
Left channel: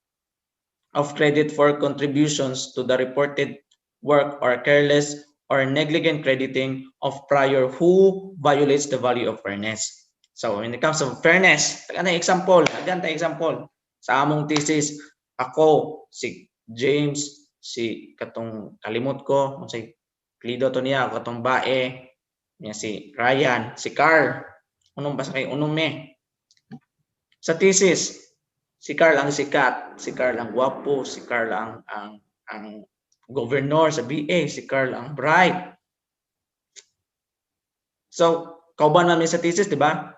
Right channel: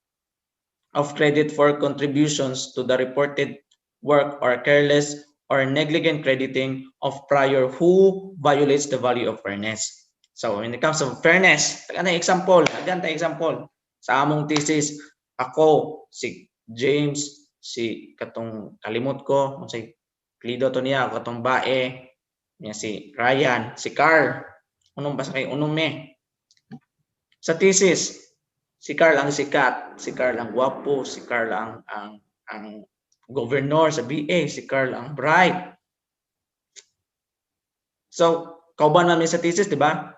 of credit for contributions to the reported work or careless or negligent crediting of prior who violates the value of fairness. So when it comes to fairness, example sa among thesis, ako, si James, si katong kalimot ko, si Plido to niya, katong bae, niya si Ryan, si Carl, unong basa kay unong me. Sa thesis, si Carl ang sikat, si Carl ang gwapo, si Carl ang governor sa BA, si Carl ang bright. So, kauban namin sa thesis, di ba?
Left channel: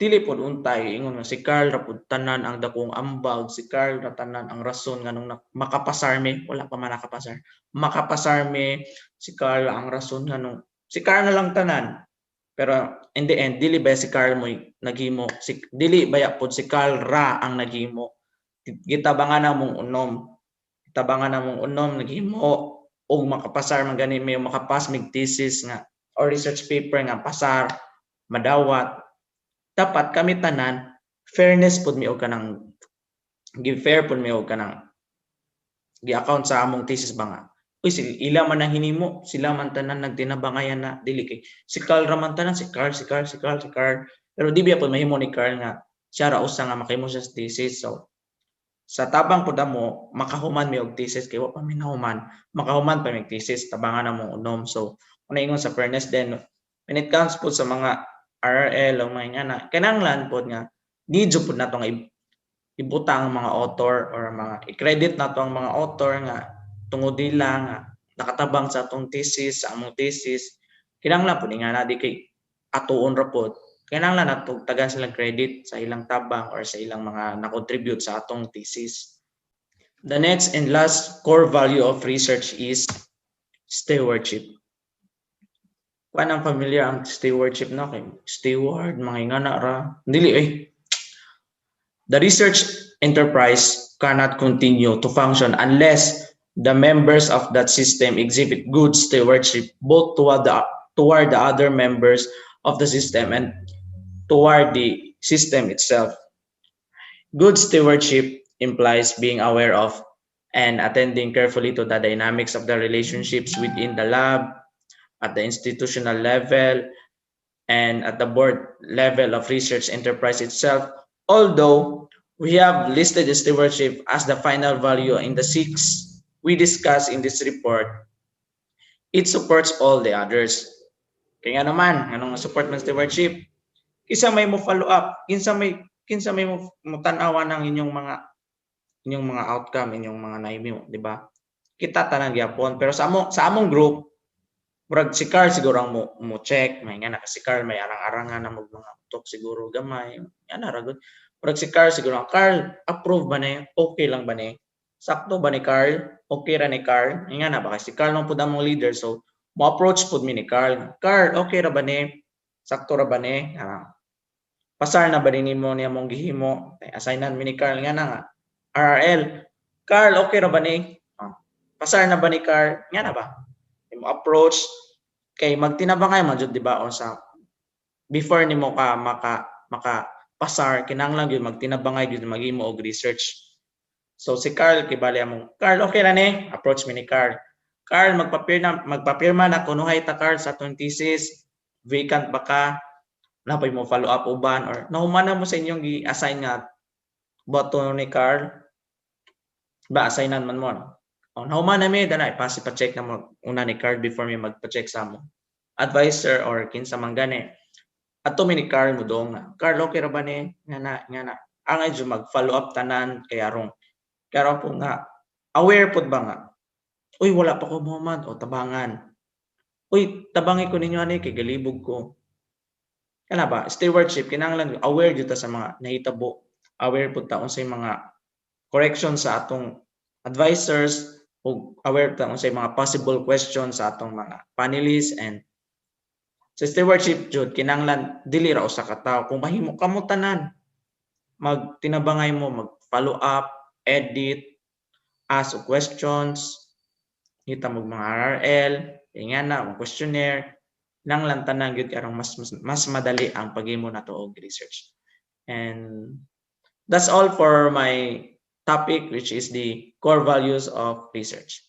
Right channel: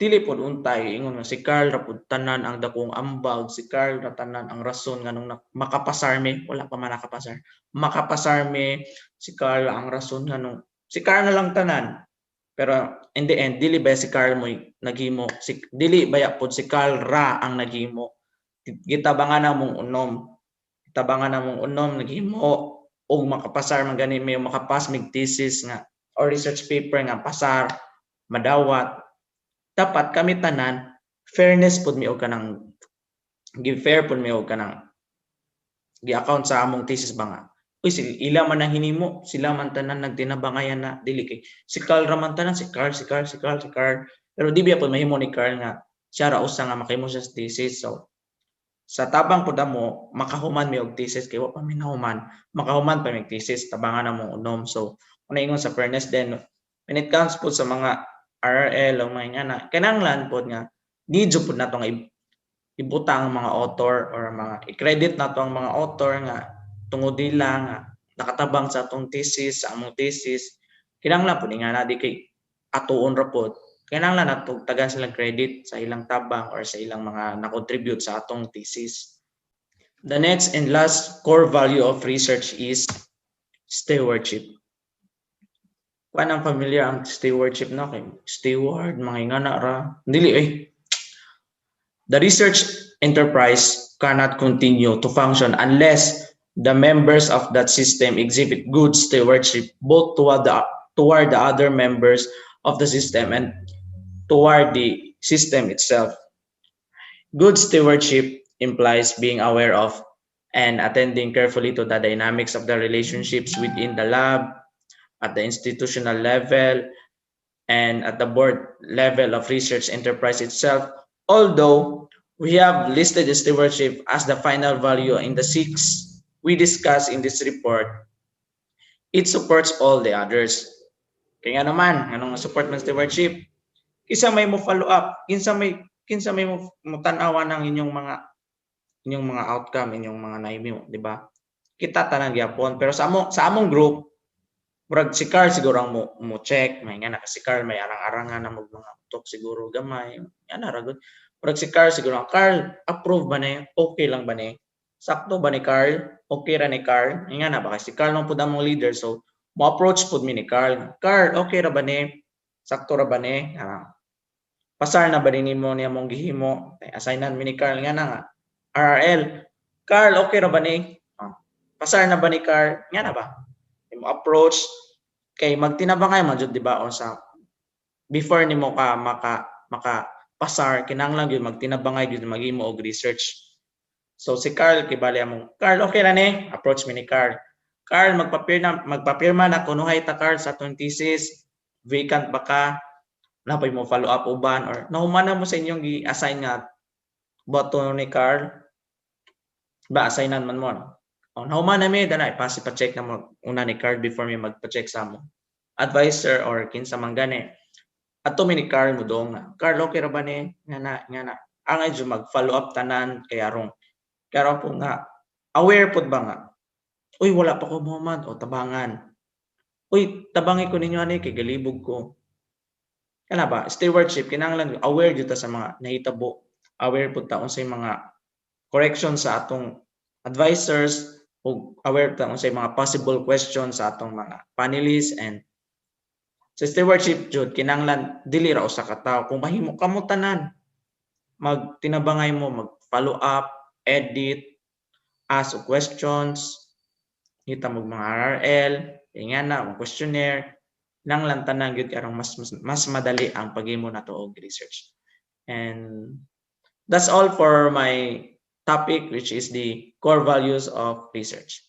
dili pod untay ingon nga si Carl ra pod tanan ang dakong ambag, si Carl ra tanan ang rason nganong makapasar mi, wala pa man nakapasar. Makapasar mi, si Carl ang rason nganong si Carl na lang tanan. Pero in the end dili ba si Carl mo naghimo, dili baya pod si Carl ra ang naghimo. Gitabangan na mong unom. Gitabangan na mong unom naghimo og makapasar man gani may makapas mig thesis nga or research paper nga pasar madawat. Dapat kami tanan fairness pud mi og kanang give fair pud mi og kanang gi-account sa among thesis ba nga uy ila man ang hinimo, sila man tanan nagtinabangayan na dili kay si Carl ra man tanan, si Carl. Pero di biya pud mahimo ni Carl nga siya ra usa nga makahimo siya sa thesis. So sa tabang pud mo makahuman mi og thesis kay wa pa mi nahuman, makahuman pa mi thesis tabangan na mo unom. So una ingon sa fairness then when it comes po sa mga RRL o mga nga kinahanglan pod nga need pud nato nga ibutang mga author or mga i-credit nato ang mga author nga tungod nila nga nakatabang sa atong thesis, sa among thesis. Kinahanglan pud nga na di kay atuon ra pod. Kinahanglan nato tagan silang credit sa ilang tabang or sa ilang mga na-contribute sa atong thesis. The next and last core value of research is stewardship. Kuan ang familiar ang stewardship na kay steward mga ingana ra dili the research enterprise cannot continue to function unless the members of that system exhibit good stewardship both toward the other members of the system and toward the system itself. Good stewardship implies being aware of and attending carefully to the dynamics of the relationships within the lab, at the institutional level, and at the board level of research enterprise itself. Although we have listed the stewardship as the final value in the 6 we discuss in this report, it supports all the others. Kaya naman, anong support ng stewardship? Kinsa may mo follow up, kinsa may mo tan-awan ng inyong mga outcome, inyong mga naimi mo, di ba? Kita tanan gyapon, pero sa among group murag si Carl siguro ang mo check, may nga na si Carl may arang-arangan na mga talk siguro gamay. Yan na ragod. Murag si Carl siguro, Carl, approve ba na? Okay lang ba na? Sakto ba ni Carl? Okay ra ni Carl? Nga na ba kasi si Carl nang pud among leader, so mo approach pud mi ni Carl. Carl, okay ra ba ni? Sakto ra ba ni? Pasar na ba nimo niya mong gihimo? Assignan mi ni Carl nga na nga. RRL. Carl, okay ra ba ni? Pasar na ba ni Carl? Nga na ba? Mo approach kay magtinabangay man jud di ba o sa before nimo ka maka pasar kinahanglan gyud magtinabangay gyud maghimo og research. So si Carl kay bali among Carl okay ra ni approach mi ni Carl. Carl magpapirma na kunuhay ta Carl sa atong thesis, vacant ba ka, napay mo follow up uban or nahuman na mo sa inyong gi-assign nga button ni Carl ba assignan man mo. Nahuman na mi dana ipasi pa check na mo una ni Carl before mi magpa-check sa mo advisor or kinsa man gani. Ato mi ni Carl mo dong na Carl okay ra ba ni nga na angay jud mag follow up tanan kay arong po nga aware pud ba nga uy wala pa ko Muhammad o tabangan uy tabangi ko ninyo ani kay galibog ko kana ba stewardship kinahanglan aware jud ta sa mga nahitabo, aware pud ta unsay mga correction sa atong advisors ug aware ta unsay mga possible questions sa atong mga panelists. And sa stewardship jud kinahanglan dili ra usa ka tawo kung mahimo kamo tanan magtinabangay mo, mag follow up, edit, ask questions, hita mo mga RRL, nga na mga questionnaire, nang lang tanan gyud karong mas madali ang paghimo nato og research. And that's all for my topic, which is the core values of research.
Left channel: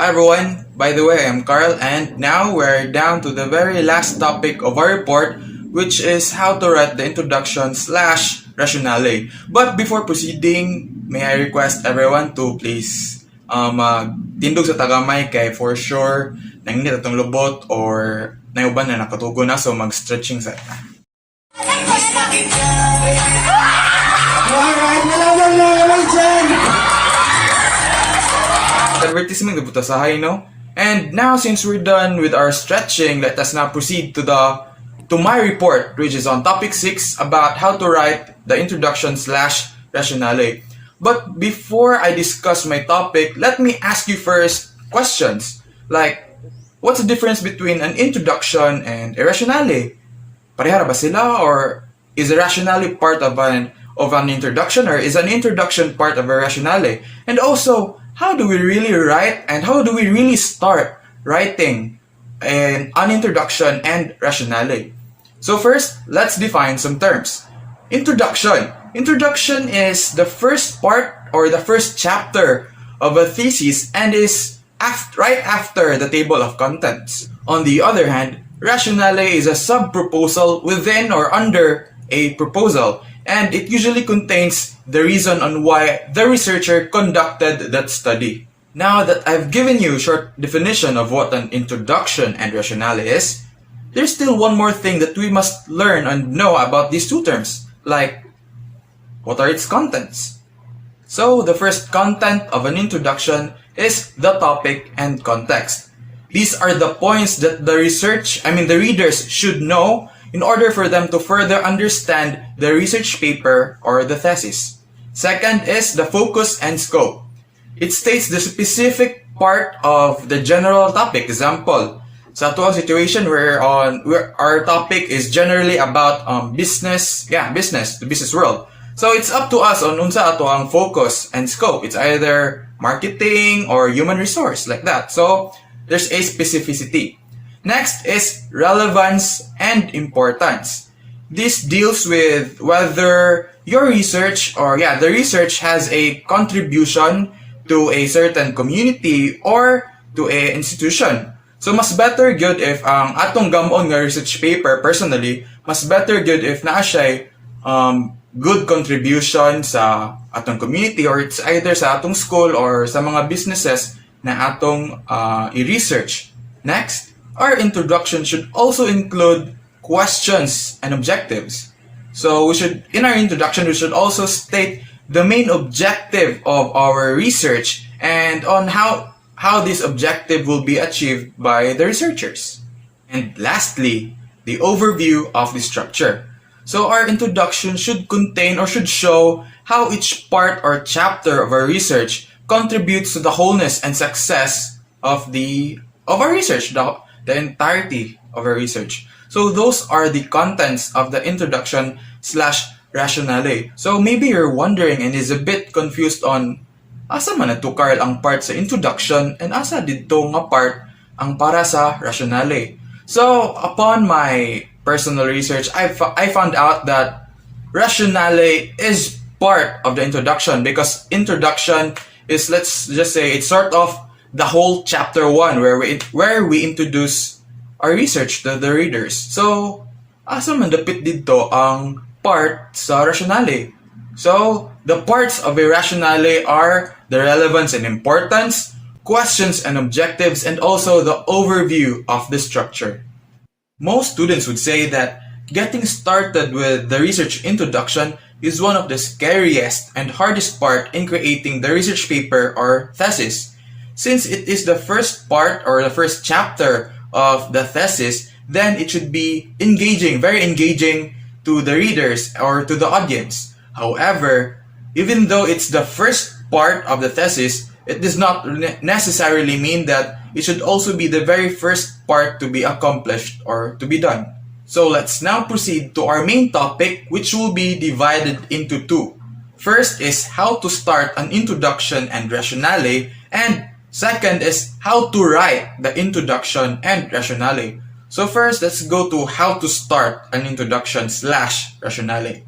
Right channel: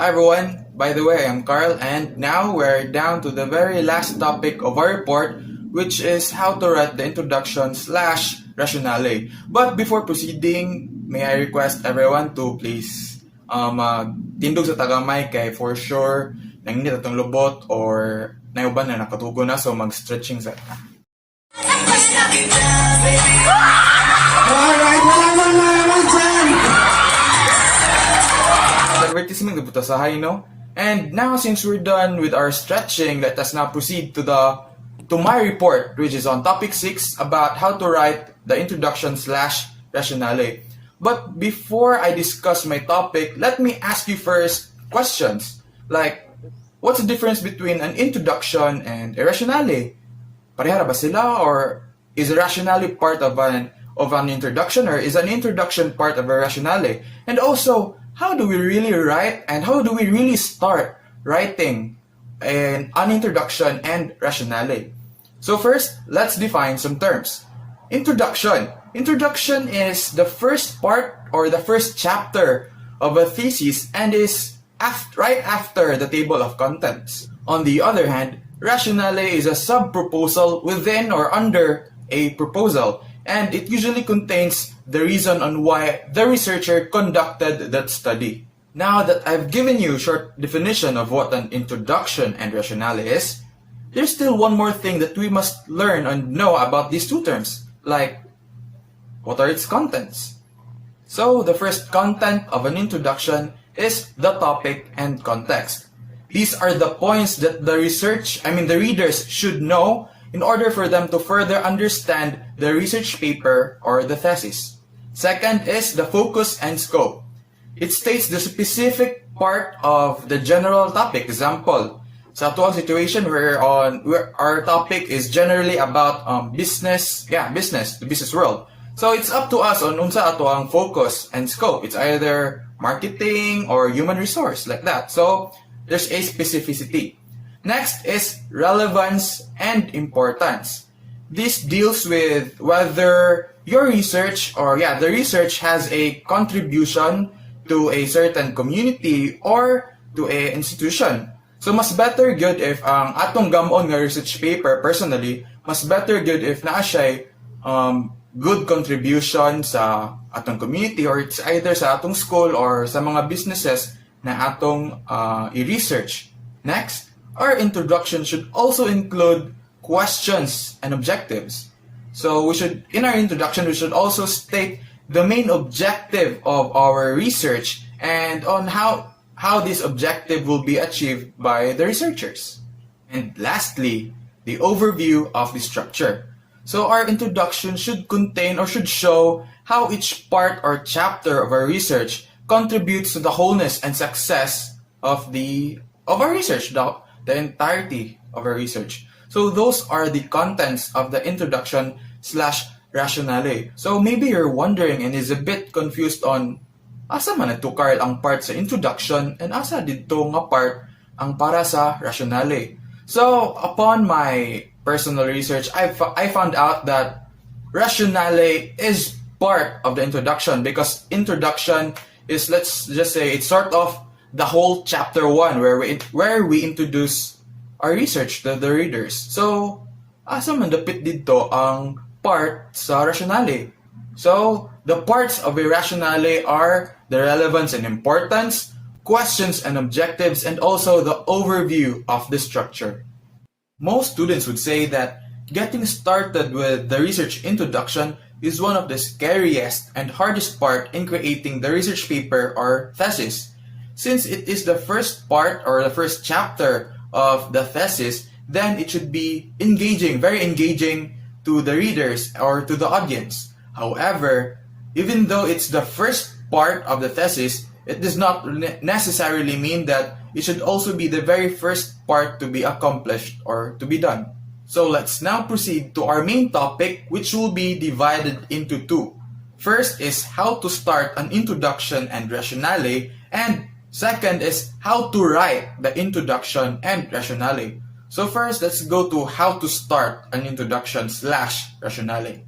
Hi everyone, by the way, I'm Carl, and now we're down to the very last topic of our report, which is how to write the introduction/rationale. But before proceeding, may I request everyone to please tindog sa tagamay kay for sure nanginit atong lubot or nayuban na nakatugo na, so mag-stretching sa Alright, malamang naman dyan! advertisement gabuta sa no? And now, since we're done with our stretching, let us now proceed to the to my report, which is on topic 6 about how to write the introduction slash rationale. But before I discuss my topic, let me ask you first questions like, what's the difference between an introduction and a rationale? Pareha ba sila, or is a rationale part of an introduction, or is an introduction part of a rationale? And also, how do we really write and how do we really start writing an introduction and rationale? So first, let's define some terms. Introduction. Introduction is the first part or the first chapter of a thesis and is right after the table of contents. On the other hand, rationale is a sub-proposal within or under a proposal, and it usually contains the reason on why the researcher conducted that study. Now that I've given you a short definition of what an introduction and rationale is, there's still one more thing that we must learn and know about these two terms, like, what are its contents? So the first content of an introduction is the topic and context. These are the points that the readers should know in order for them to further understand the research paper or the thesis. Second is the focus and scope. It states the specific part of the general topic. Example, sa atuang situation where our topic is generally about business, the business world. So it's up to us on unsa ato ang focus and scope. It's either marketing or human resource, like that. So there's a specificity. Next is relevance and importance. This deals with whether your research or the research has a contribution to a certain community or to a institution. So mas better good if ang atong gamon nga research paper, personally, mas better good if naa siya good contribution sa atong community, or it's either sa atong school or sa mga businesses na atong i-research. Next, our introduction should also include questions and objectives. So in our introduction, we should also state the main objective of our research and on how this objective will be achieved by the researchers. And lastly, the overview of the structure. So our introduction should contain or should show how each part or chapter of our research contributes to the wholeness and success of our research, the entirety of our research. So those are the contents of the introduction slash rationale. So maybe you're wondering and is a bit confused on asa man ato Carl ang part sa introduction and asa dito nga part ang para sa rationale. So upon my personal research, I found out that rationale is part of the introduction, because introduction is, let's just say, it's sort of the whole chapter 1 where we introduce our research to the readers. So asa man dapit dito ang part sa rationale. So the parts of a rationale are the relevance and importance, questions and objectives, and also the overview of the structure. Most students would say that getting started with the research introduction is one of the scariest and hardest part in creating the research paper or thesis. Since it is the first part or the first chapter of the thesis, then it should be engaging, very engaging to the readers or to the audience. However, even though it's the first part of the thesis, it does not necessarily mean that it should also be the very first part to be accomplished or to be done. So let's now proceed to our main topic, which will be divided into two. First is how to start an introduction and rationale, and second is how to write the introduction and rationale. So first, let's go to how to start an introduction slash rationale.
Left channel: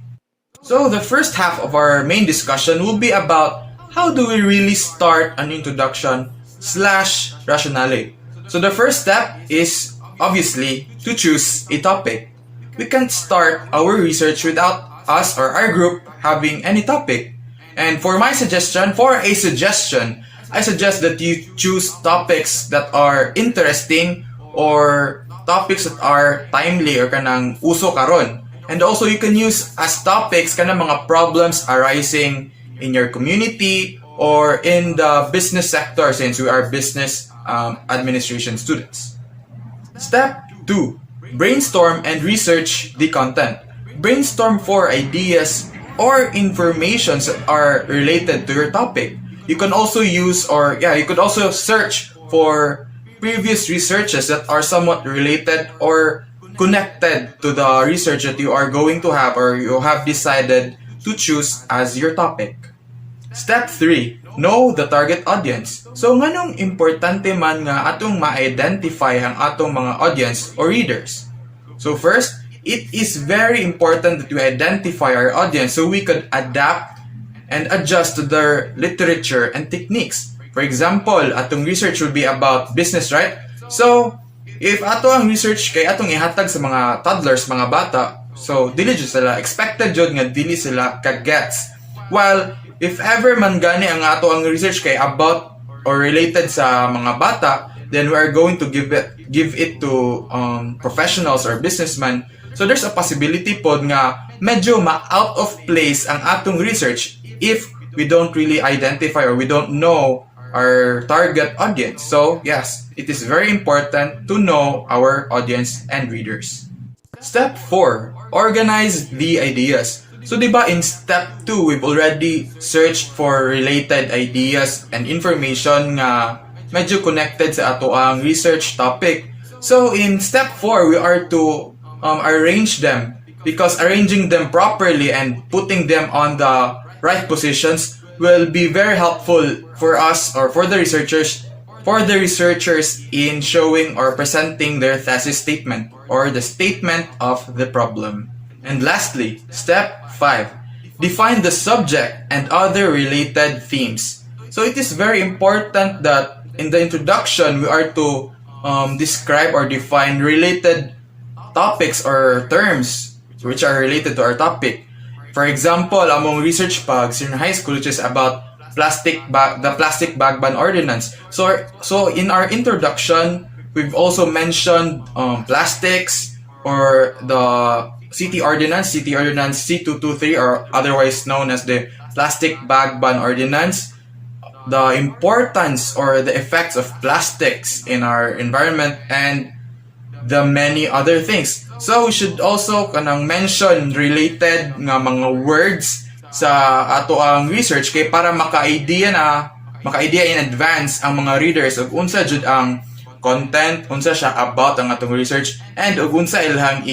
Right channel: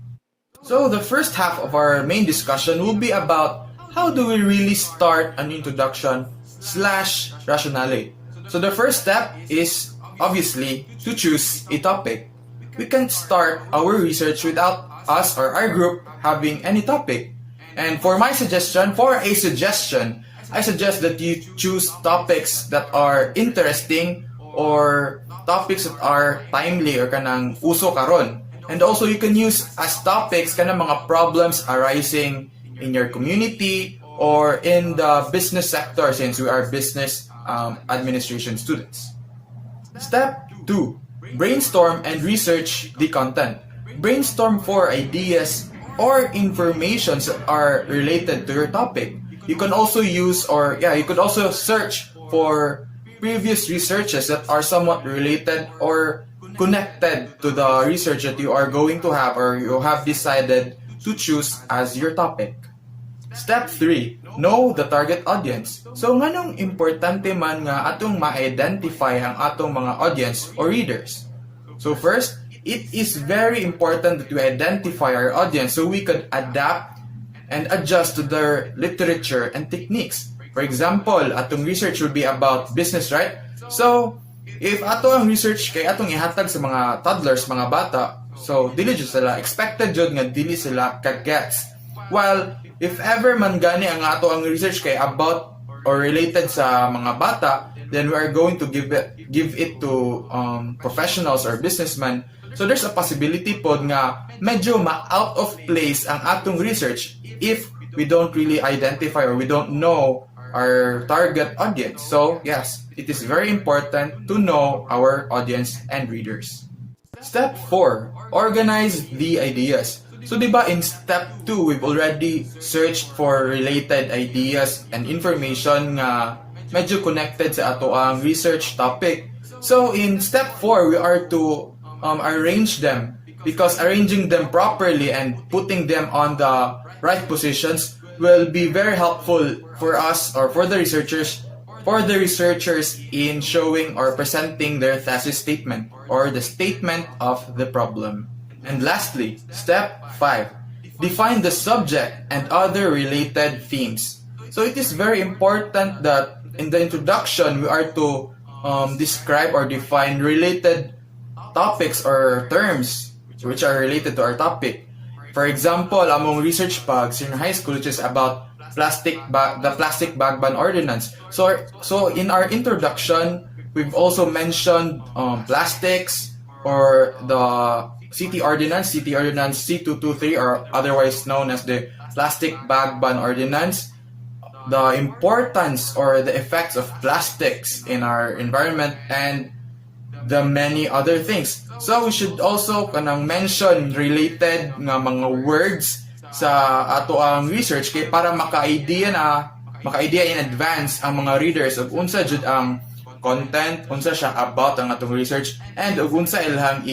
So the first half of our main discussion will be about how do we really start an introduction slash rationale. So the first step is obviously to choose a topic. We can't start our research without us or our group having any topic. And for a suggestion, I suggest that you choose topics that are interesting or topics that are timely or kanang uso karon. And also you can use as topics kanang mga problems arising in your community or in the business sector, since we are business administration students. Step 2. brainstorm and research the content. Brainstorm for ideas or informations that are related to your topic. You can also use you could also search for previous researches that are somewhat related or connected to the research that you are going to have or you have decided to choose as your topic. Step 3, know the target audience. So nganong importante man nga atong ma-identify ang atong mga audience or readers. So first, it is very important that we identify our audience so we could adapt and adjust to their literature and techniques. For example, atong research will be about business, right? So, if ato ang research kay atong ihatag sa mga toddlers, mga bata, so dili jud sila expected jud nga dili sila ka-gets. While if ever man gani ang ato ang research kay about or related sa mga bata, then we are going to give it to professionals or businessmen. So there's a possibility pod nga medyo ma-out of place ang atong research if we don't really identify or we don't know our target audience. So yes, it is very important to know our audience and readers. Step 4, organize the ideas. So diba in step 2, we've already searched for related ideas and information nga medyo connected sa ato ang research topic. So in step 4, we are to arrange them, because arranging them properly and putting them on the right positions will be very helpful for us or for the researchers in showing or presenting their thesis statement or the statement of the problem. And lastly, step 5, define the subject and other related themes. So it is very important that in the introduction we are to describe or define related topics or terms which are related to our topic. For example, among research pags in high school, which is about the plastic bag ban ordinance. So in our introduction, we've also mentioned plastics or the City Ordinance C223, or otherwise known as the Plastic Bag Ban Ordinance, the importance or the effects of plastics in our environment, and the many other things. So we should also kanang mention related nga mga words sa ato ang research kay para maka-idea in advance ang mga readers ug unsa jud ang content, unsa siya about ang atong research, and ug unsa ilhang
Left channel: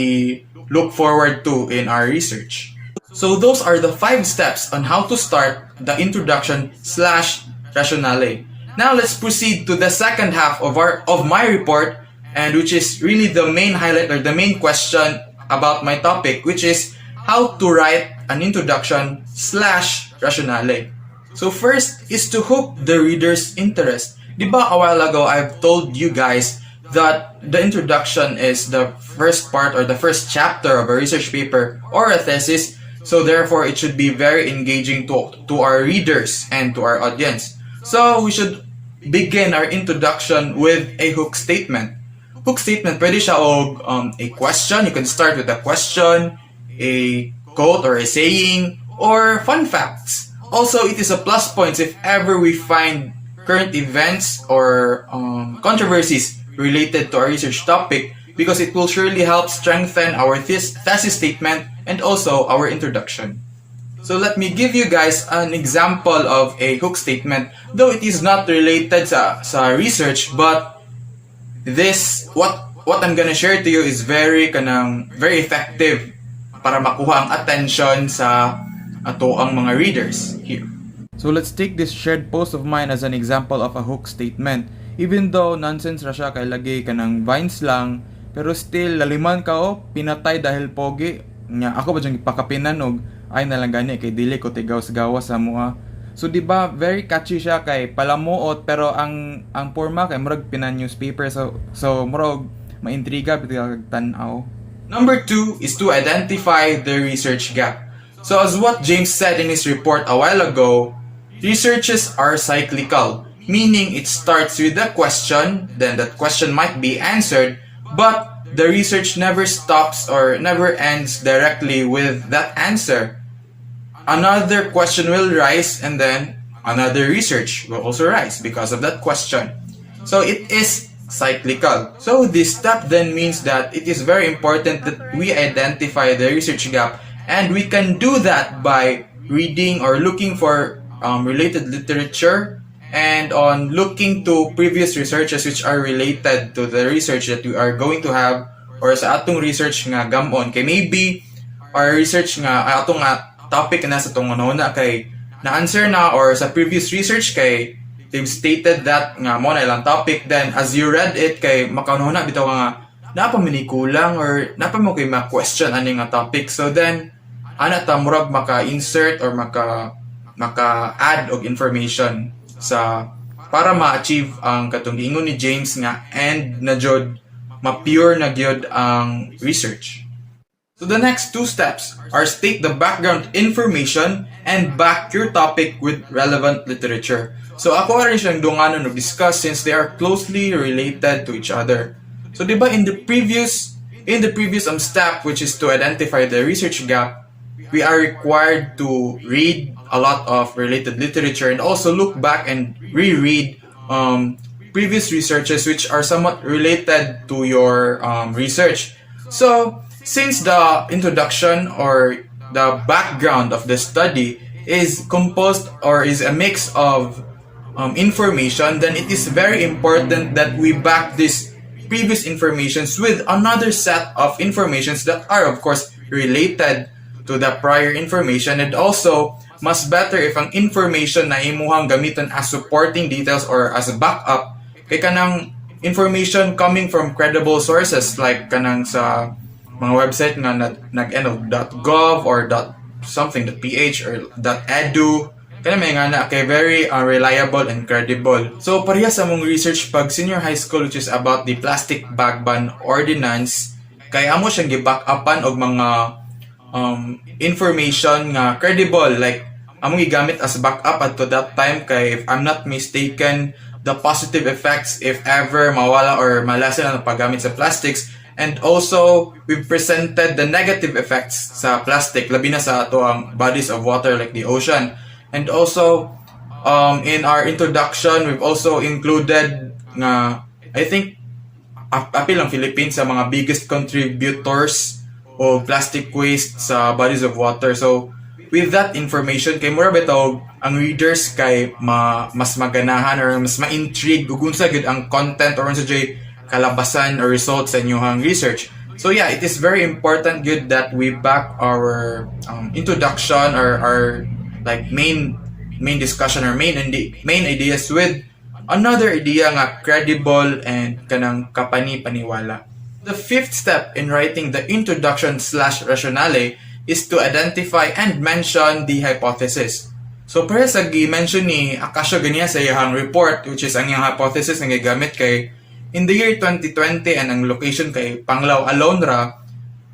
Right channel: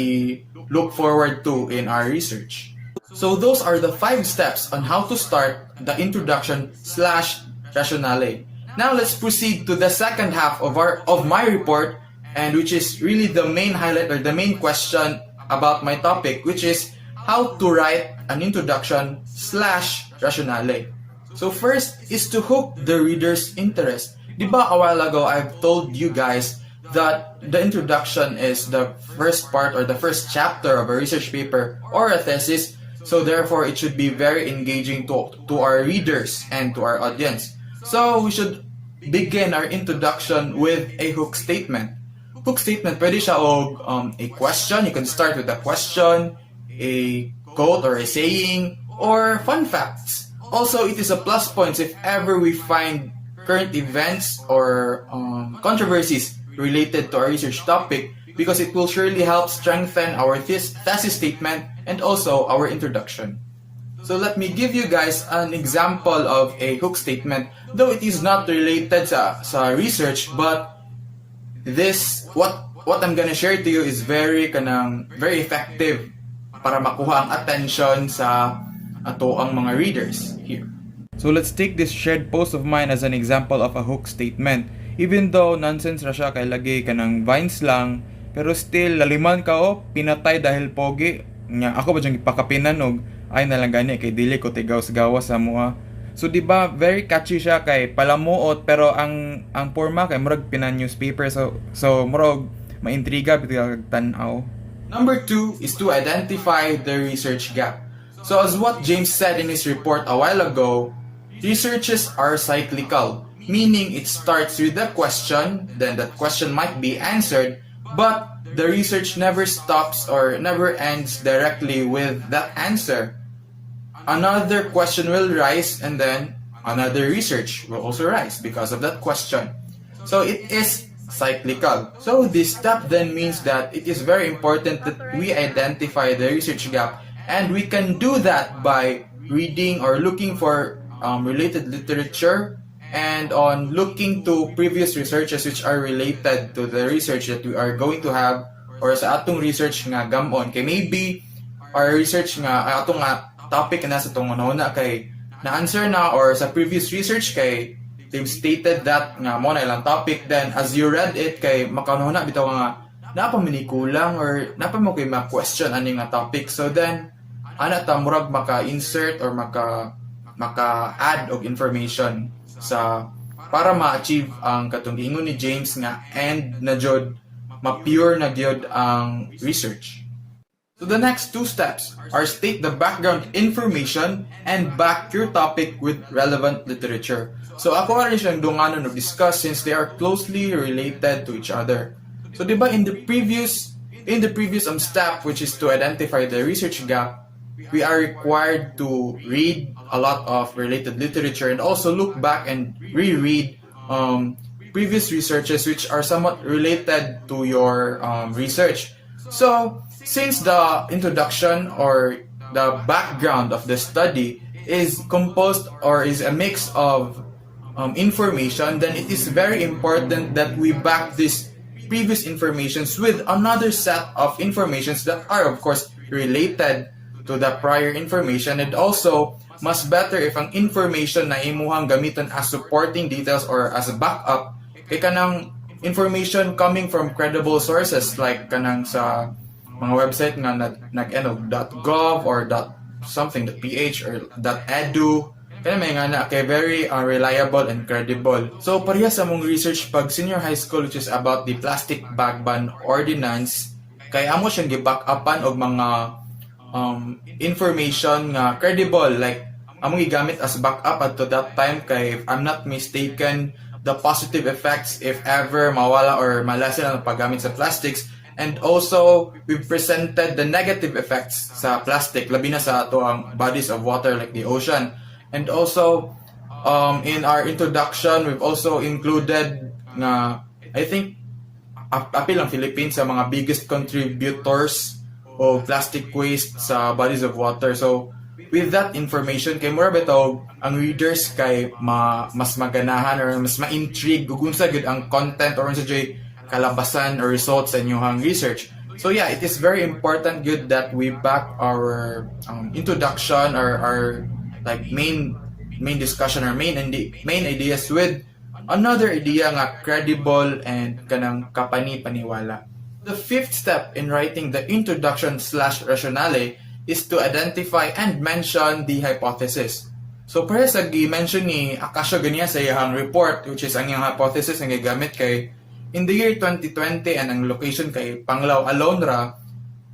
look forward to in our research. So those are the 5 steps on how to start the introduction/rationale. Now let's proceed to the second half of my report, and which is really the main highlight or the main question about my topic, which is how to write an introduction/rationale. So first is to hook the reader's interest. Diba a while ago I've told you guys that the introduction is the first part or the first chapter of a research paper or a thesis, so therefore it should be very engaging to our readers and to our audience. So we should begin our introduction with a hook statement. Hook statement, pwede siya og a question. You can start with a question, a quote or a saying, or fun facts. Also, it is a plus point if ever we find current events or controversies related to our research topic, because it will surely help strengthen our thesis statement and also our introduction. So let me give you guys an example of a hook statement, though it is not related sa research, but this what I'm gonna share to you is very effective para makuha ang attention sa ato ang mga readers here. So let's take this shared post of mine as an example of a hook statement. Even though nonsense ra siya kay lagi kanang vines lang, pero still laliman ka pinatay dahil pogi. Nya ako ba jang ipakapinan og ay nalang gani kay dili ko tigaw-gawas sa mua. So diba very catchy siya kay palamuot, pero ang forma kay murag pinan-newspaper, so murag maintriga bitag tan-aw. Number 2 is to identify the research gap. So as what James said in his report a while ago, researches are cyclical, meaning it starts with a question, then that question might be answered, but the research never stops or never ends directly with that answer. Another question will rise, and then another research will also rise because of that question. So it is cyclical. So this step then means that it is very important that we identify the research gap, and we can do that by reading or looking for related literature and on looking to previous researches which are related to the research that we are going to have or sa atong research nga gamon kay maybe our research nga atong nga topic na sa tong una kay na-answer na or sa previous research kay they've stated that nga mo na ilang topic, then as you read it kay makaununa bitaw ka nga napa minikulang or napa mo kay ma-question ani nga topic, so then ana ta murag maka-insert or maka-add og information sa para ma-achieve ang katong ingon ni James nga and na jud ma-pure na gyud ang research. So the next two steps are state the background information and back your topic with relevant literature. So ako rin siyang dunganon of discuss since they are closely related to each other. So diba in the previous step, which is to identify the research gap, we are required to read a lot of related literature and also look back and reread previous researches which are somewhat related to your research. So since the introduction or the background of the study is composed or is a mix of information, then it is very important that we back this previous informations with another set of informations that are of course related to the prior information, and also mas better if ang information na imuhang gamiton as supporting details or as a backup kay kanang information coming from credible sources like kanang sa mga website nga .gov or .something.ph or .edu kana may nga na kay very reliable and credible. So pareha sa mong research pag senior high school which is about the plastic bag ban ordinance kay amo siyang gi-backupan og mga information nga credible like among gigamit as backup at to that time kay if I'm not mistaken the positive effects if ever mawala or malasan ang paggamit sa plastics, and also we've presented the negative effects sa plastic labi na sa ato ang bodies of water like the ocean, and also in our introduction we've also included nga I think apil ang Philippines sa mga biggest contributors o plastic waste sa bodies of water. So with that information kay mura bitaw ang readers kay mas maganahan or mas ma-intrigue ug unsa gid ang content or unsa jay kalabasan or results sa inyong research. So yeah, it is very important good that we back our introduction or our like main discussion or main ideas with another idea nga credible and kanang kapani-paniwala. The fifth step in writing the introduction/rationale is to identify and mention the hypothesis. So para sa gi-mention ni Akasha ganiya sa iyang report which is ang iyang hypothesis nga gigamit kay in the year 2020 and ang location kay Panglao Alondra,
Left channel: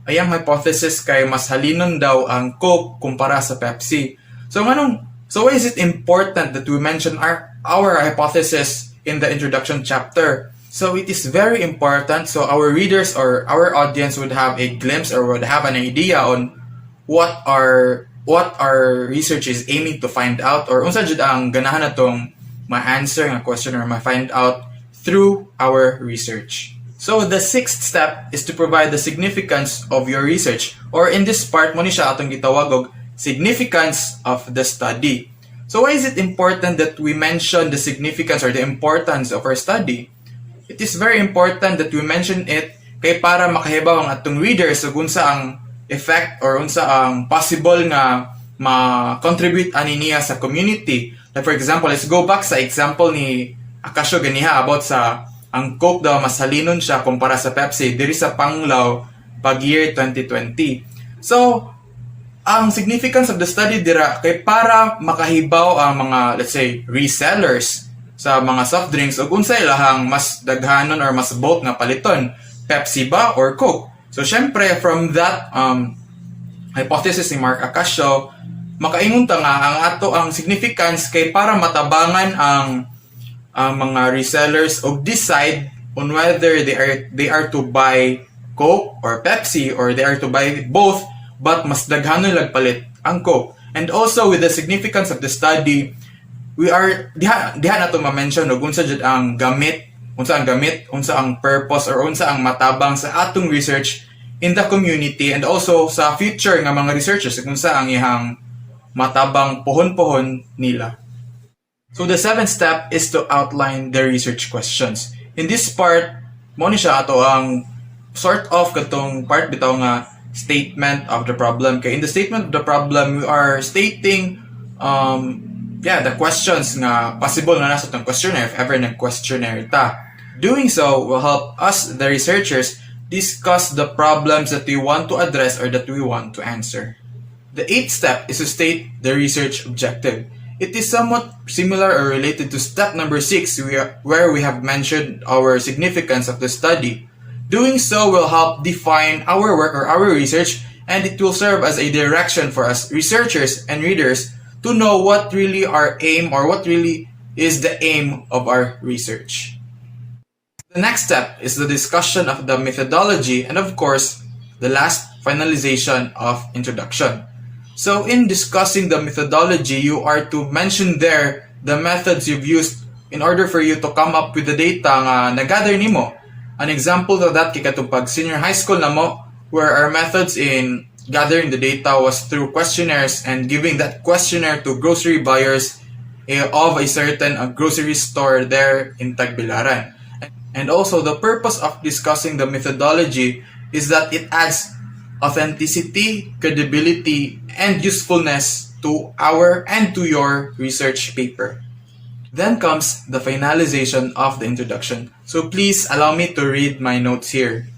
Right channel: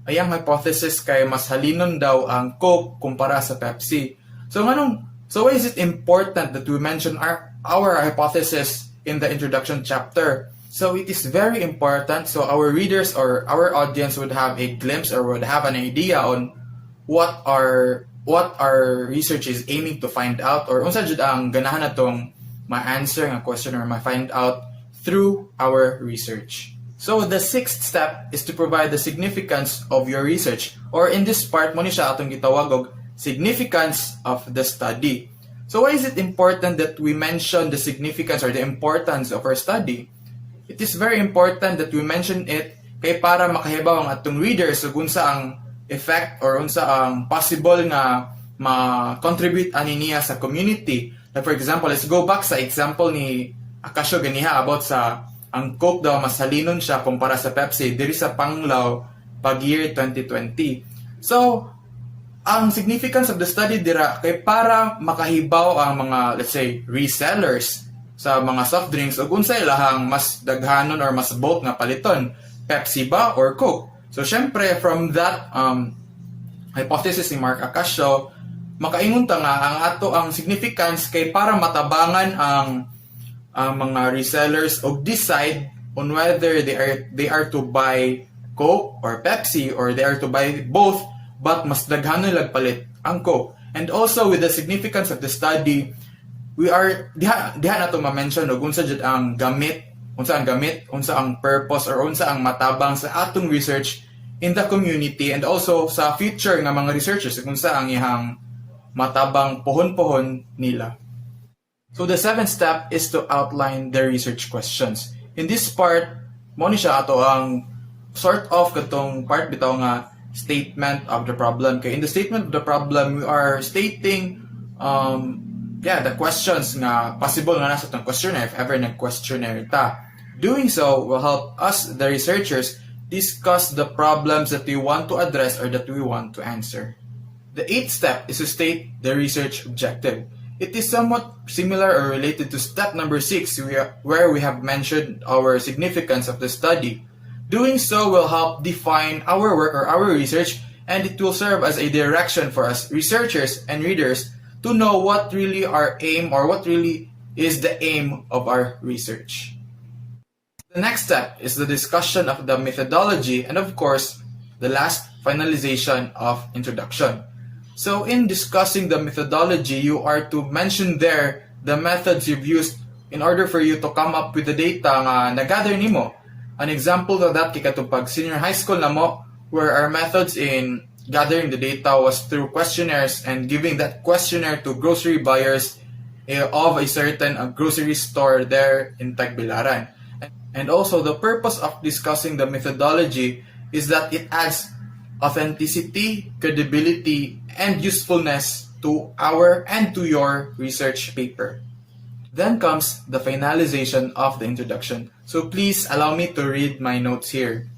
ayang hypothesis kay mas halinon daw ang Coke kumpara sa Pepsi. So why is it important that we mention our hypothesis in the introduction chapter? So it is very important so our readers or our audience would have a glimpse or would have an idea on what our research is aiming to find out or unsa jud ang ganahan natong ma-answer nga question or ma-find out through our research. So the sixth step is to provide the significance of your research, or in this part mo ni siya atong gitawag og significance of the study. So why is it important that we mention the significance or the importance of our study? It is very important that we mention it kay para makahibaw ang atong readers ug unsa ang effect or unsa ang possible nga ma-contribute ani niya sa community. Like for example, let's go back sa example ni Akasha ganiha about sa ang Coke daw mas halinon siya kumpara sa Pepsi diri sa Panglao pag year 2020. So ang significance of the study dira kay para makahibaw ang mga let's say resellers sa mga soft drinks ug unsay ilahang mas daghanon or mas bulk nga paliton, Pepsi ba or Coke. So syempre from that hypothesis ni Mark Akasha makaingon ta nga ang ato ang significance kay para matabangan ang mga resellers og decide on whether they are to buy Coke or Pepsi or they are to buy both but mas daghanon lag palit ang Coke. And also with the significance of the study, we are diha na to ma-mention og unsa jud ang gamit unsa ang gamit, unsa ang purpose, or unsa ang matabang sa atong research in the community and also sa future nga mga researchers kung sa ang ihang matabang pohon-pohon nila. So the seventh step is to outline the research questions. In this part, mo ni siya ato ang sort of katong part bitaw nga statement of the problem. Kay in the statement of the problem, we are stating the questions nga possible na nasa itong questionnaire if ever nag-questionnaire ta. Doing so will help us, the researchers, discuss the problems that we want to address or that we want to answer. The eighth step is to state the research objective. It is somewhat similar or related to step number 6 where we have mentioned our significance of the study. Doing so will help define our work or our research, and it will serve as a direction for us researchers and readers to know what really our aim or what really is the aim of our research. The next step is the discussion of the methodology and of course, the last finalization of introduction. So in discussing the methodology, you are to mention there the methods you've used in order for you to come up with the data nga nagather nimo. An example of that kay katong pag senior high school na mo, where our methods in gathering the data was through questionnaires and giving that questionnaire to grocery buyers of a certain grocery store there in Tagbilaran. And also, the purpose of discussing the methodology is that it adds authenticity, credibility, and usefulness to our and to your research paper. Then comes the finalization of the introduction. So please allow me to read my notes here.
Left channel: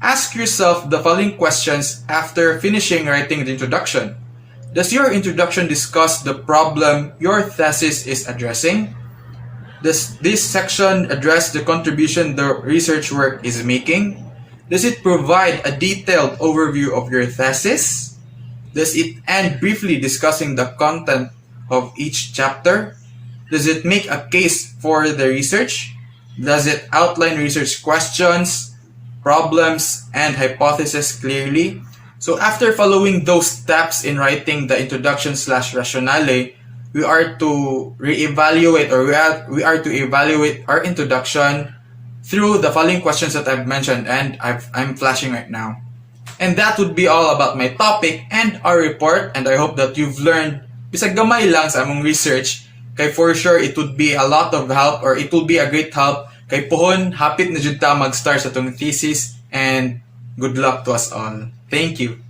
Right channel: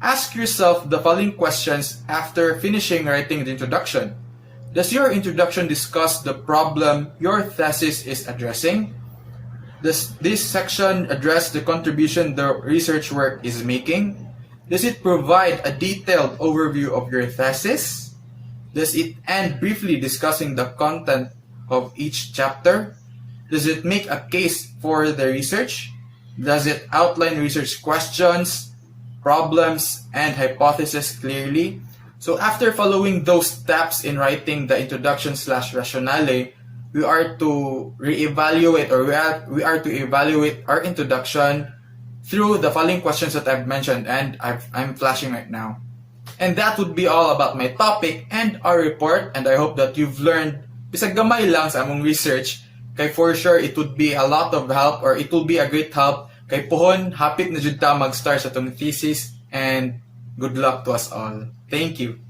Ask yourself the following questions after finishing writing the introduction. Does your introduction discuss the problem your thesis is addressing? Does this section address the contribution the research work is making? Does it provide a detailed overview of your thesis? Does it end briefly discussing the content of each chapter? Does it make a case for the research? Does it outline research questions, problems, and hypotheses clearly? So after following those steps in writing the introduction/rationale, we are to reevaluate or we are to evaluate our introduction through the following questions that I've mentioned and I'm flashing right now. And that would be all about my topic and our report, and I hope that you've learned bisag gamay lang sa among research. Kay for sure it would be a lot of help or it will be a great help kay pohon hapit na jud ta mag-start sa tong thesis, and good luck to us all. Thank you.